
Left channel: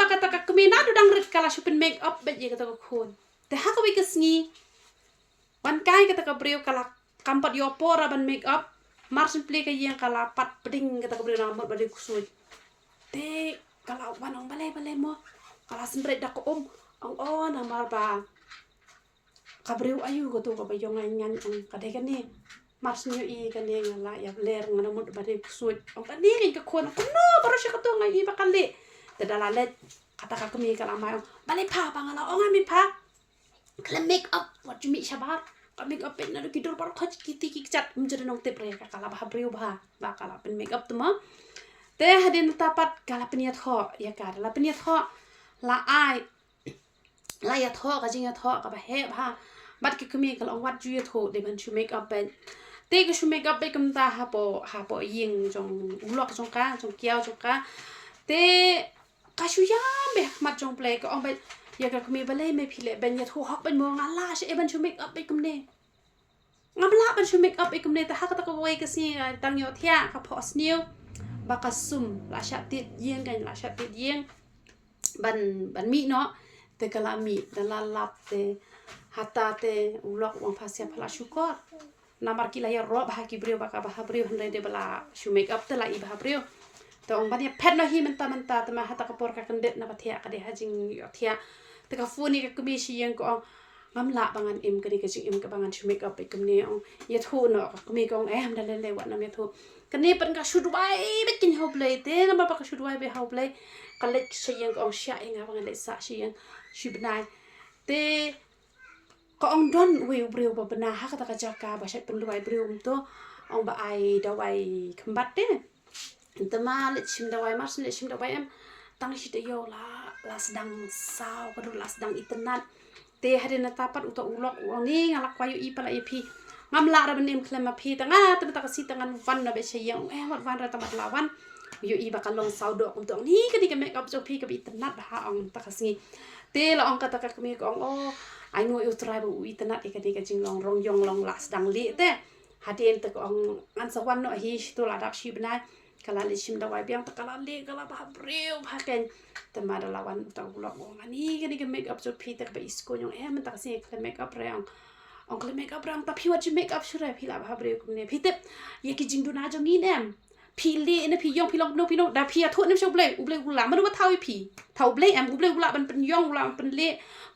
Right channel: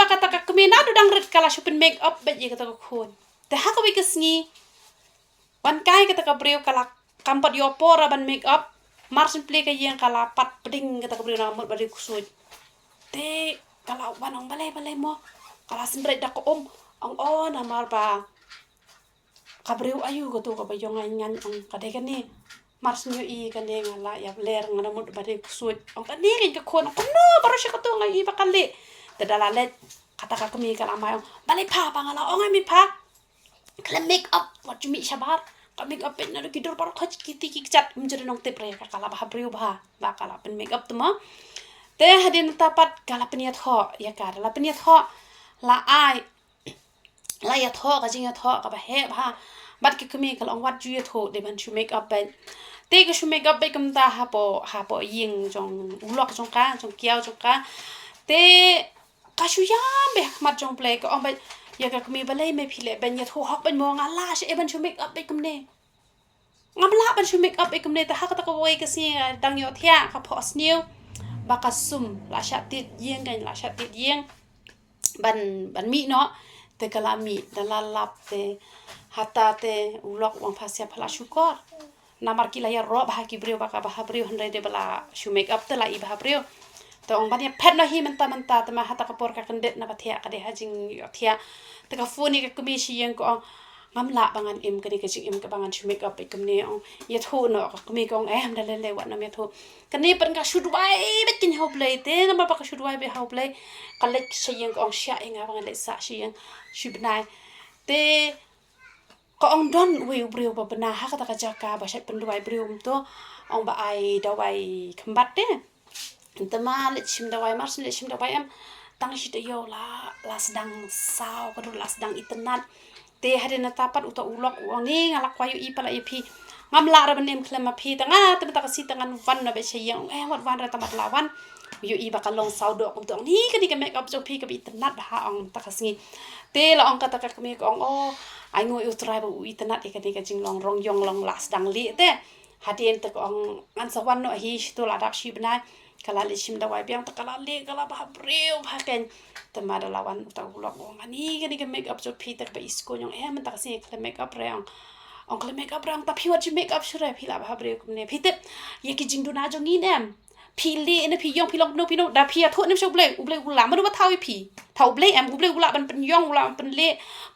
ka ta ka kmena do dang ret kala shupin make up bet ye ka ta khon te ha ka wi ka sngi ban kai ka ta ka breu kala kampat yo pora ban make up marsin play ka yang kala pat peding ka ta ka breu na mot ba kusut te kala wanong balai mo kala sendret da ko ong namar ba kabreu ayu ko to ka bayong ngan ong kade kan ni marsnyo I kan ni ngala ya ler ngana mut ba de kusut ong kan ni ka kon ko no baro siya ka to ngai ba kan le dadala let kata ka kumi kala ma balai pa pa ngala ong mi pa kala make up what you meet shabar ka make up pen na kidur baro khach kiti ki chat mjere nong te pre ka kala ba breu ba kala pen make up to ma te hadin tapat kala peniat ho ya ka la peniat ho la ai la ya tho ka jing ya tho ka ba he ba bat ki kumi kal ong wat ju ya tho de ban chu make up ben te ka chu make up be kum ta ha po ying jong ulok jong ka jong kiao jong ka te ka chu ya be mat jong play ko ong ba ya ka kumi balai me phile ben ya tho hok ben mo nga la she ban chu make up be kum ne ngam la ban chu make up be kum ne ta ha ka ta ko wei ka si dang yo thia ka phos new ba ka sum la sha tit yeng kan la sha tit yeng ban mi no te kalami dalalap te hata te ulok wang pasya phala syukor namar kila ya ro bah ki brio baka bah brio handai de bala shu make up te la I bah brio te ong bania pet no hi menta te ma hata kapor ka kendet na bathia ka de hajing yo thia te ka funi ka kumi shi yang ko ong ngamla bangan im ka de ka jing im ka bangan shu make up ikum ne ong ya thu no ka kumi ko ong em dalele wat na me thu kani pan ka shu duai bekin ho play te na ba ka shu duai be ho play ka lek shi yang ko ong sha inga bangan le sa shi yang shibnai te ko ong don ubreu ba bena ha kata kajaka ba shat penduai breu to ong ba ai dawai kembat de tema lechim dawai mars lechim dawai em tang shi de yo la sedang sao ko la sedang itenat te hade na tapat uta ulok uang ni ngalak kwayu i pala ipi ngam la ra benem klema pi tanga te ta kasi tangan van na be sheyang wat van ra tamat lawan yu i bakalong sao do kum tong ni ka di ka make up jo pi ka bi itenat ha ong ta kasi te la ong kata ka kami ko ong ai ngoi utrai ba itenat e ka di ka jinglong rong yong long la sedang li te hadien te ko ong an sawan no hi tu la dak shi bnai kala lishim dawai biang ta kala le kala ba breu ba ken tema da lawan ta ulok ong ani ka di ka make up jo pi ta ba isko yong ta kasi ka make up re ong ka make up rang ta pi wat ji make up shure pi la ba breu kum ne pi te ye ki jing du na jo ni nem pi le na pi yong pi long no pi no da pi a thot nem shau blei ula ma do ma thau pi thau blei em blei ula ban pen yong ula pen le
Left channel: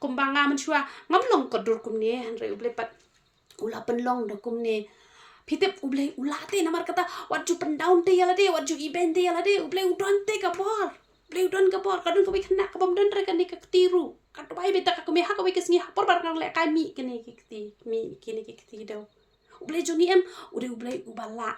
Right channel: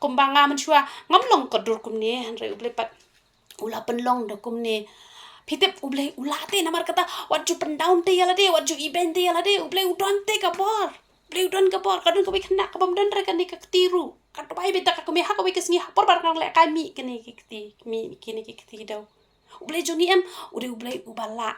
kum ba nga man chua ngam long ko dur kum ne han re blei pat ula pen long do kum ne pi te blei ula te na mar kata wat ju pen down te yala de wat ju event te yala de blei udon te ka bor blei udon ka bor kadun ko bi khna ka bam don re kan ni ka tiru ka to bai beta ka ko me ha ko bi kesni ha por bar kan le kai mi kene ki ti mi kene ki ti do blei jo ni em blei ubala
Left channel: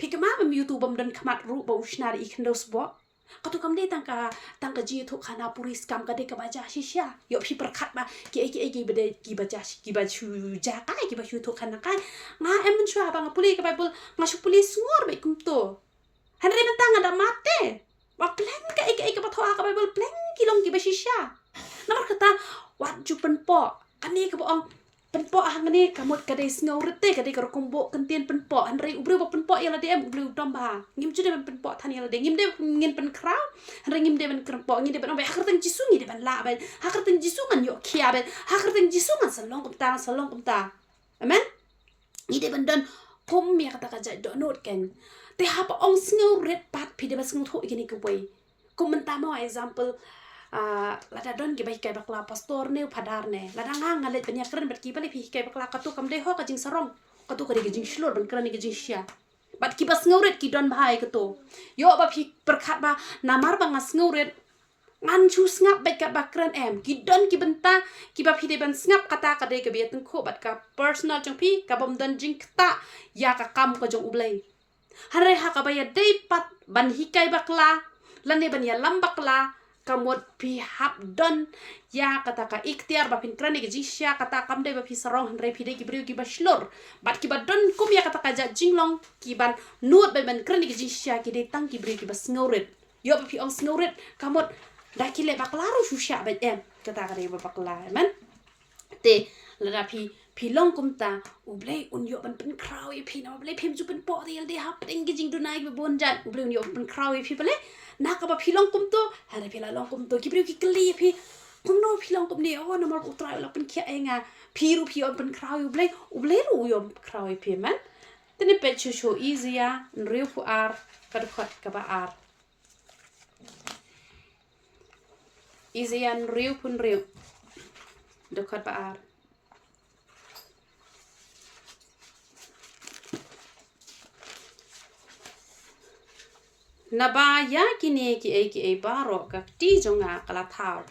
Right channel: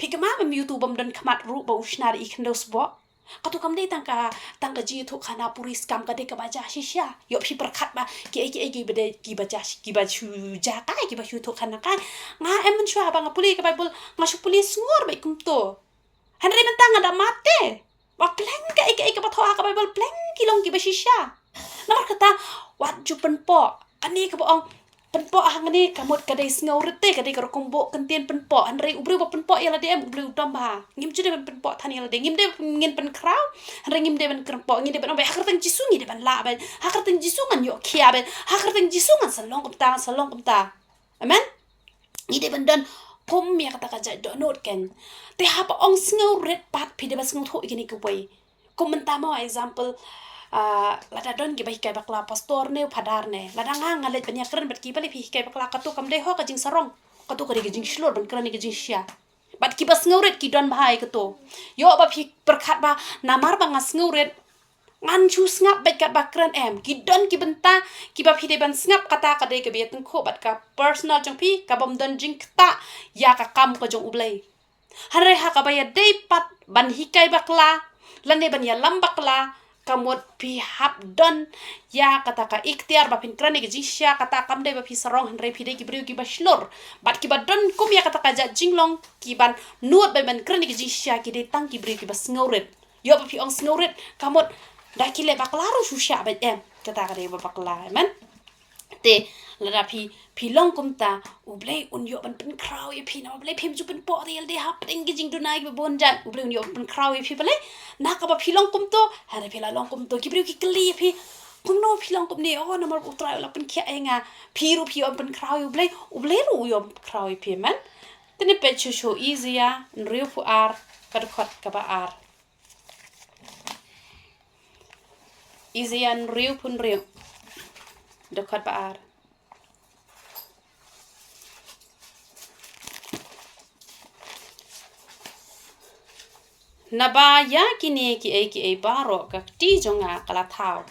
Pigama mam YouTube bam dan kamat ru ba usnar ikhnos bo katu kam de tangka ji thu khana puris kam ka de ka baja shisha yo phi perkhat ba ki bade ki baja ki ba chu ja kai ki ba chu thu khana kai nga em mun shwa ba nga puli ka bible nga shu pulis ngor ba kum to han re man tanga da mate ba plan ka ba tho ka bible plan ki long ki ba shisha na kata wat ju pen po ani ka ba penpo hangani kamut kadai sngewrit te kadai karo kombo kentien penpo anrei ubreu ba penpo yala de ubreu tamba ngim jude ban penpo thani yala de ngim de ngin pen kraw anrei ngim de ban krpo ngim de ban ba hakar tang jisu ngi de ban la ba hakar tang jisu ngan yo khia ba hakar tang jisu ngan salong kum ta amen ngi de ban don pom ya kata kaja do not ken te ha pa ong sngewrit pat pi de bas ngau tho igini ku bai komenta mo example lada don ki bai kai bakla pastor ne phadar ne lada nga ngale banya kren bat ki bali phi kai bakla katu kam de ho ka jing sarong katu kari ki jing shlor ban kran ki jing shia bat ki bas ngauret ki don bhai katu yo ba phi perkhat ba namar ba ngas ngauret ngan chu snap bet kat ba kran em ki don ki benta ki ba phi de ban snap kata ka de ke biat ko bat ka personal jong phi ka bam don jing kta ya ka kam ko jong ublei hanre ha ka ba ya de pat ban hi kai bakla lane ban ya lam bakla kamot pi hap don ya kata ka ikhtiar ba pin krani gi sya kata kam de ba pi sarong han re pi de ki briu ki ba shlor bat ki ba don kum ya kata ka ja jinglong ki ban nuot ba ban krani gi sya ki de tang ki briu ki ba sngewrit yo ba pi ong sngewrit kamot da ki le bakla ru shu sya ba em kata ka de ba bakla men te la pi long kum ta ublei un yo ban pen kraw ye pi na ublei phim ju pen po real de hap ding gi jing du nai ba bon jan ublei un yo pen kraw ye pi bale na ka ba pi long kum to ha re pi la long kum to ki briu ki kli pi kum no pi long kum ne o na mar utra la pen khia enga pi ru pi on pen kraw ublei ru yo kraw ye pi man tene pe chu show easy ya riu fu ar ka khot ka ba ar easy an riu pun riu de khot ba ar naba ya kini ki baro ka ti jonga kala thau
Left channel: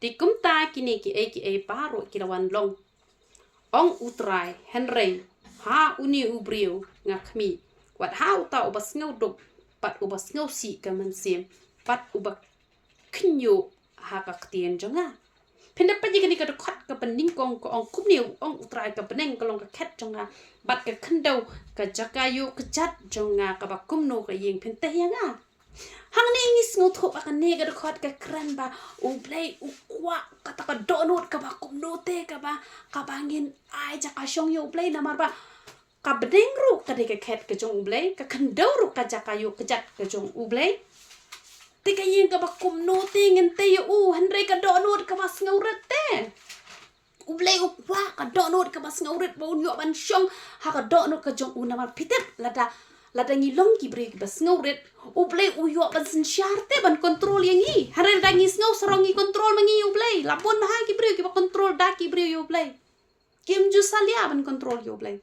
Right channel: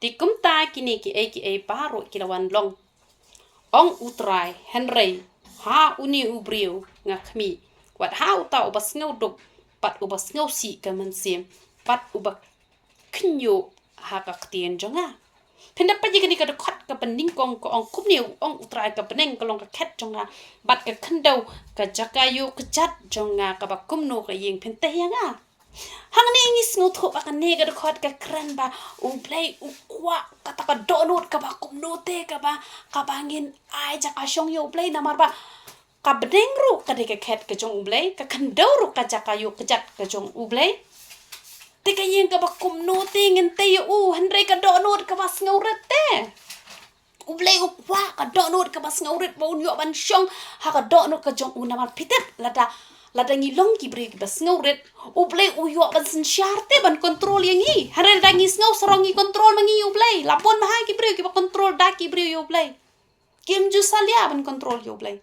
ti kumta kini ki baro ki lawan long ong utrai henrei ha uni ubriu nga khmi wat ha uta ubas ngau duk pat ubas ngau si ka man sim pat ubak khnyo ha ka tien jonga penda pa ji kini ka khot ka pending kong ko ong kumni ong utrai ka peneng ka long ka khet jonga bat ka khandau ka jakayu ka chat jonga ka ba kumno ka yeng pen te yanga hang ni ngis ngo tho ba ka ne ka khot ka kran ba u play u kwa ka ta ka donut ka ba kumno te ka ba ngin ai jaka shong yo play na mar ba ka bedeng ru ka de ka khet ka jong u play ka khandau ru ka jakayu ka jat ka jong u play te ka yeng ka ba kumno te ngin te u henre ka donut ka ba ngauret te ublei ukwa ka donut ka bas ngauret bon yo ban shong ha ka donut ka jong una mar pitet lada ngilong ki bre ki bas ngauret ublei u yo ban sin syarte ban kontrol yang i hare da ngi ngau sarong ngi kontrol mangi ublei lapon ma ha ki bre ki ba kontrol da ki bre yo ublei kim ju salia ban kontrol yo ublei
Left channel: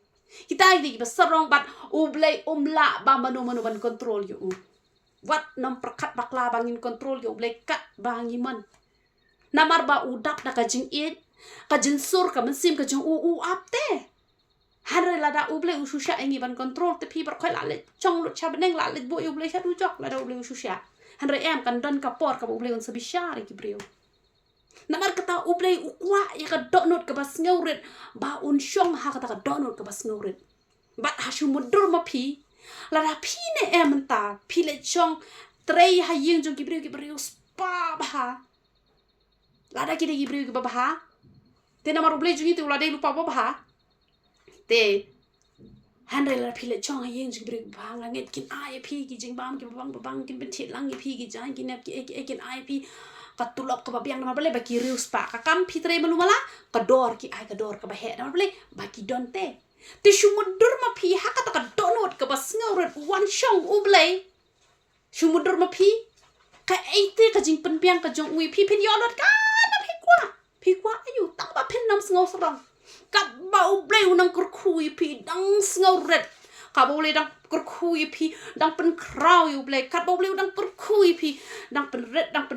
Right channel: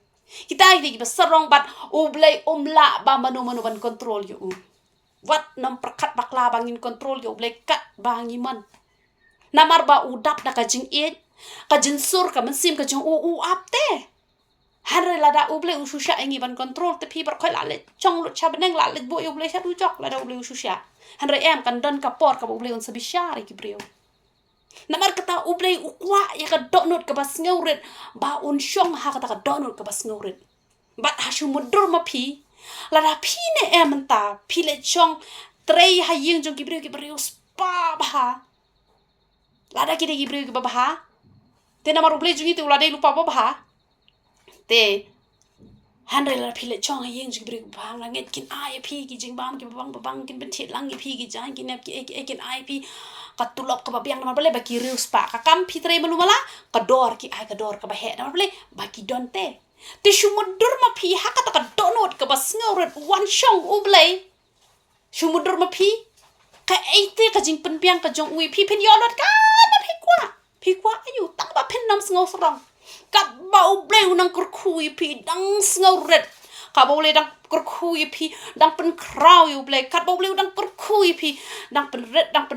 kita ki bas sarong bat ublei umla ba manu ban kontrol yo wat nam perkat bakla bangin kontrol yo ublei kat bangi man namar ba udap na ka jing it ka jinsur ka mensim ka jong u apte hanre lada uble ususha ingi ban control te pi bar khoi la le chong lu cha beneng la le bo uble cha du jok lada uble ususha hanre em kan don ka por ka uble un sabishari ki brio namar kata uble ukwa ya ka donut ka bas ngeurit ba un shong ha kata ka donut ka bas ngeurit ba hashu mudur ma pi lada pi ne em ta pi le chong trei ha ying jong ki brio spa ba lada ki de ki brio ki ba te namar uble jungi te ulade lupa ba te hanre la phile chong yeng jing bri bang la nget kin ai phi ki jing bam ki bang kin ben thit lang ki phi ki jang kin ki kin ai phi ka tulop ka biang na bale ba ki rius pa ka kam phi tre malu mala ka dor ki ai ka dor ka ba he na bale ba ki donte te shumudur ma phi ha ka ta ka donot ka ba sngorot one shong uble shumudur ma phi ka eite ka jing pen piang ka jong ui phi pen yolot ka na phi kwa ayu tak ba pen nam sngo srong ka bau bleu nang kurkhui pi dang sngewrit ka bau le dang kurkhui pi dang pen krau yu ble ka bau bleu dang kurkhui pi dang pen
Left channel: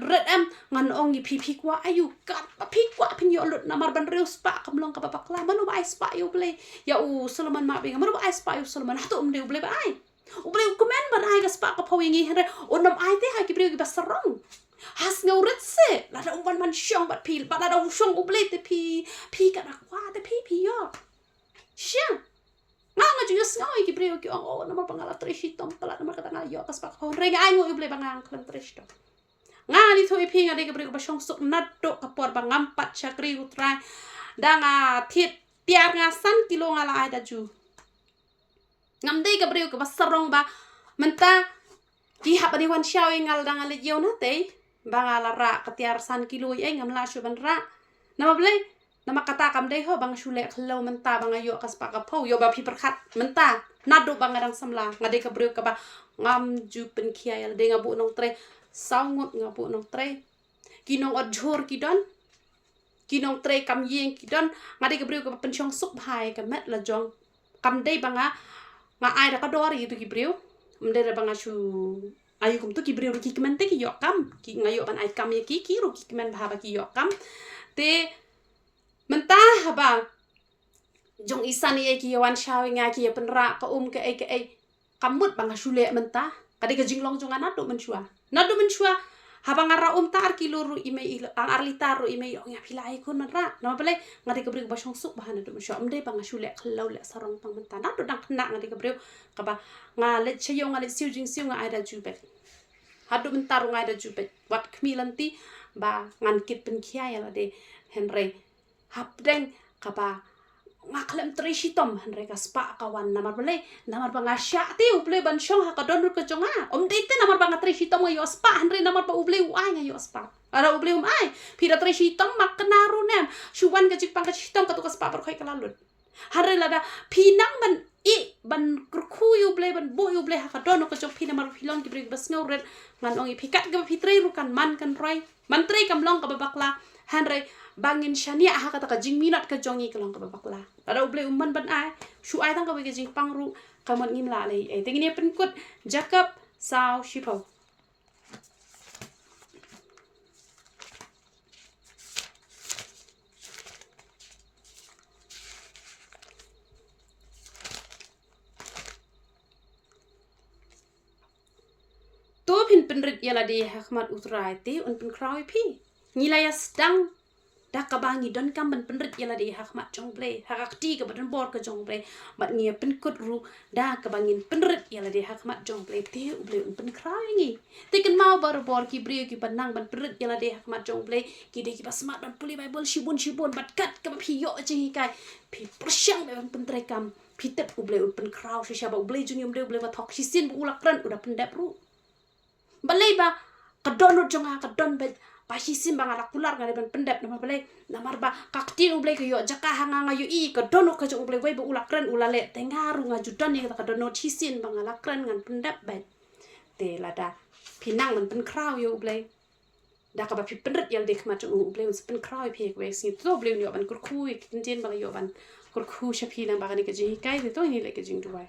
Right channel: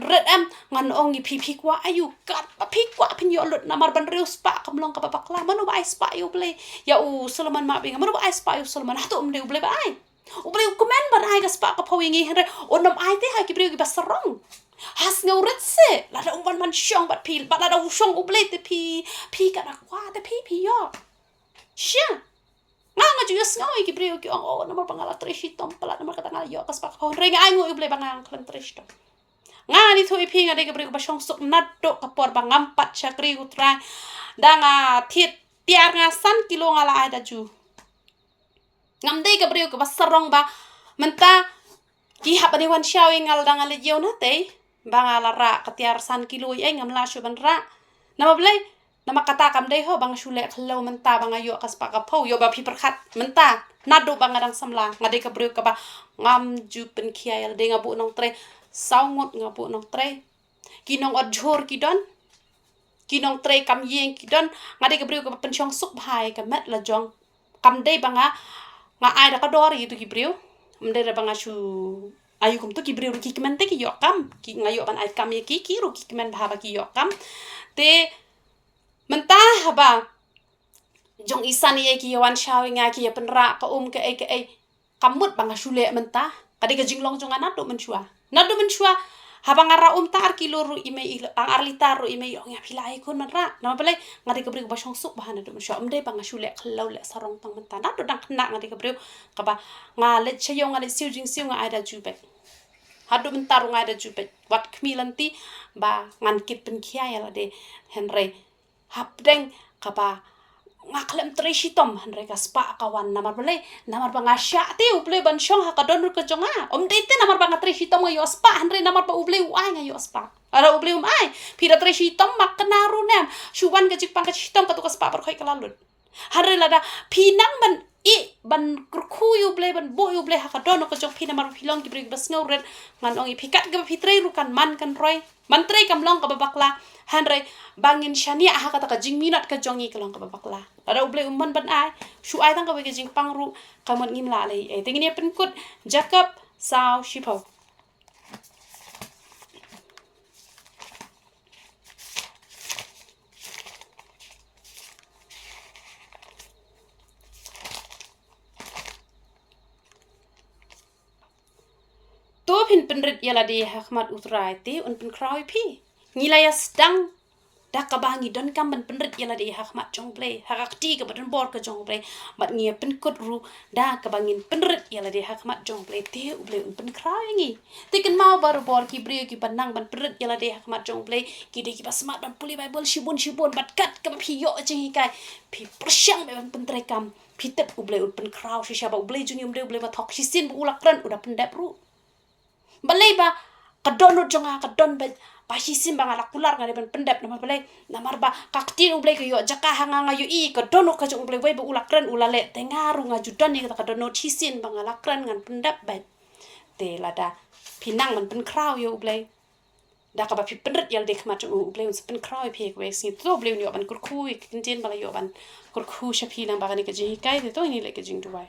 red am ngan ong pi kwa ayu ka pi kwa pin yo lut namar ban reus pa kamlong ka bakla manu ba spa yu ble ya u Solomon ma binga manu ba spa yu Solomon hatu ble ba ai u ble komen ban ai ka spa ka pawingi hre onam ai te ha ki bre ki basarong has ngeurit se la da umban man shong bat pil ba da shong uble te pi ka na kwa te pi yo sha nga ju yes nga ki bre ki o na mar pangala treshitom pala na mar kata nga yo kas pa ko renga ai ngo uble bangang klan treshto nga ni thui pi nga de ki bre ba shong sok natto ka por bangam pat chakri utra da nga thit tiar nga san kilo nga la ai da ju ngam de ka bre ko basarong ba menta ki hapani wan shawing ngal da nga le yo na te bangala ra katiar san kilo ai ngam la shu ban ra nama blai nama kata kam dei ho bang shule khlo menta banga yo kas pa ka pho yo ba phi prakhat menta nadu banga dang samla ngade ka bru ka ba ngam ju pen khia yal de nga bu nong tre saungot nga bu nong tre kinong odjor ki don kinong tre kam yeng ki don ngade ka bru ka pen chong suk bhai ka met la jong kam dei banga nga ai da ka dor yi tu ki bru mde da banga shu ayu kum tu ki bri ki kemen te ki yokam ki ngayo ban ai kam ye ki ru ki kemen ba ki yokam te mentah haba jong isan ye ki wan shawing nga ki ye penra ka ke ai kamut bang shule mentah kade ka jinglong jong anat do menshua haba ngara tar kilo ru ime ang arlita ru ime yo nga philai kun man ra na bale ngade ka bri ba shong suk bahana do menshua mde bang shule khlau le sarong tang mentah na do dang khna ngade ka bri ka ba nga le chayong nga le siu jing siu nga ai da ju bet hadu mentar nga da ju bet wat khmilanti ba ngan kit pen khia ya la de henry hapdeng ka ba nga khlem treshitom henry ka spa kawan namar bale namar ba nga sha te uple ban shong ha ka don ru ka jonga de te namar ba nga treshitom yo spa henry namar ba uble ai nga yo spa ara uble ai pira treshitom maknaru nam shuwan ka jik pang ka shitom ka tu ka spa par khoi kalalut henry lada pinang ban ban kurkuyu ble ban boyu ble ha ka don ko jok pina mar pilong ki brig bas ngeuret ngan ongi pikat ga pitre ru kan man kan roi man tre kam long ka babakla hanre bangin shania ha ka ta ka jing minat ka jongi ka long ka babakla ada uble umman ban ai shu ai tang ka we jing pangru kamon ngim la le e tingini pen kut Jacob sao shipo to pin penrit yala de hakmat utrai te un pen krawi pi ngilaya stang da ka bangi don kam ban penrit yala de hakmat jong ble hakti ka ban bor ka jong ble mat ngia pen kut ru da ka bangin penrit yala de hakmat jong ble te uble un pen krawi ngi te kan mau baru bor ki brio ki banang ban penrit yala de hakmat jong ble ki de ki basmat ban puli bible shibun bat kat ka phi yo jing kai phi persyang ban pentre kam phi tep uble un pen kraw shi sha ba uble jung yum de uble ba thok shi sin bu ulakran udah pendap ru balai ba kadon jonga kadon ba hisim bang ala kular ngade ban pendap nama balai namar ba kaktin ublai ko yo jaka hanga ngayu i kadon ko jong ublai ba ulakran ulale tengaru ngaju don ni kadon hisin bang ala kran ngan pendap ba te lada pinang man pen kraw yo ublai da ka ba pi penret yal de khma jong ublai us pen kraw pi ko si to ublai yo ban kurku kinjen ba yo ban kurku shapi lang ba ni ka ji kai de to ni le ka jing duai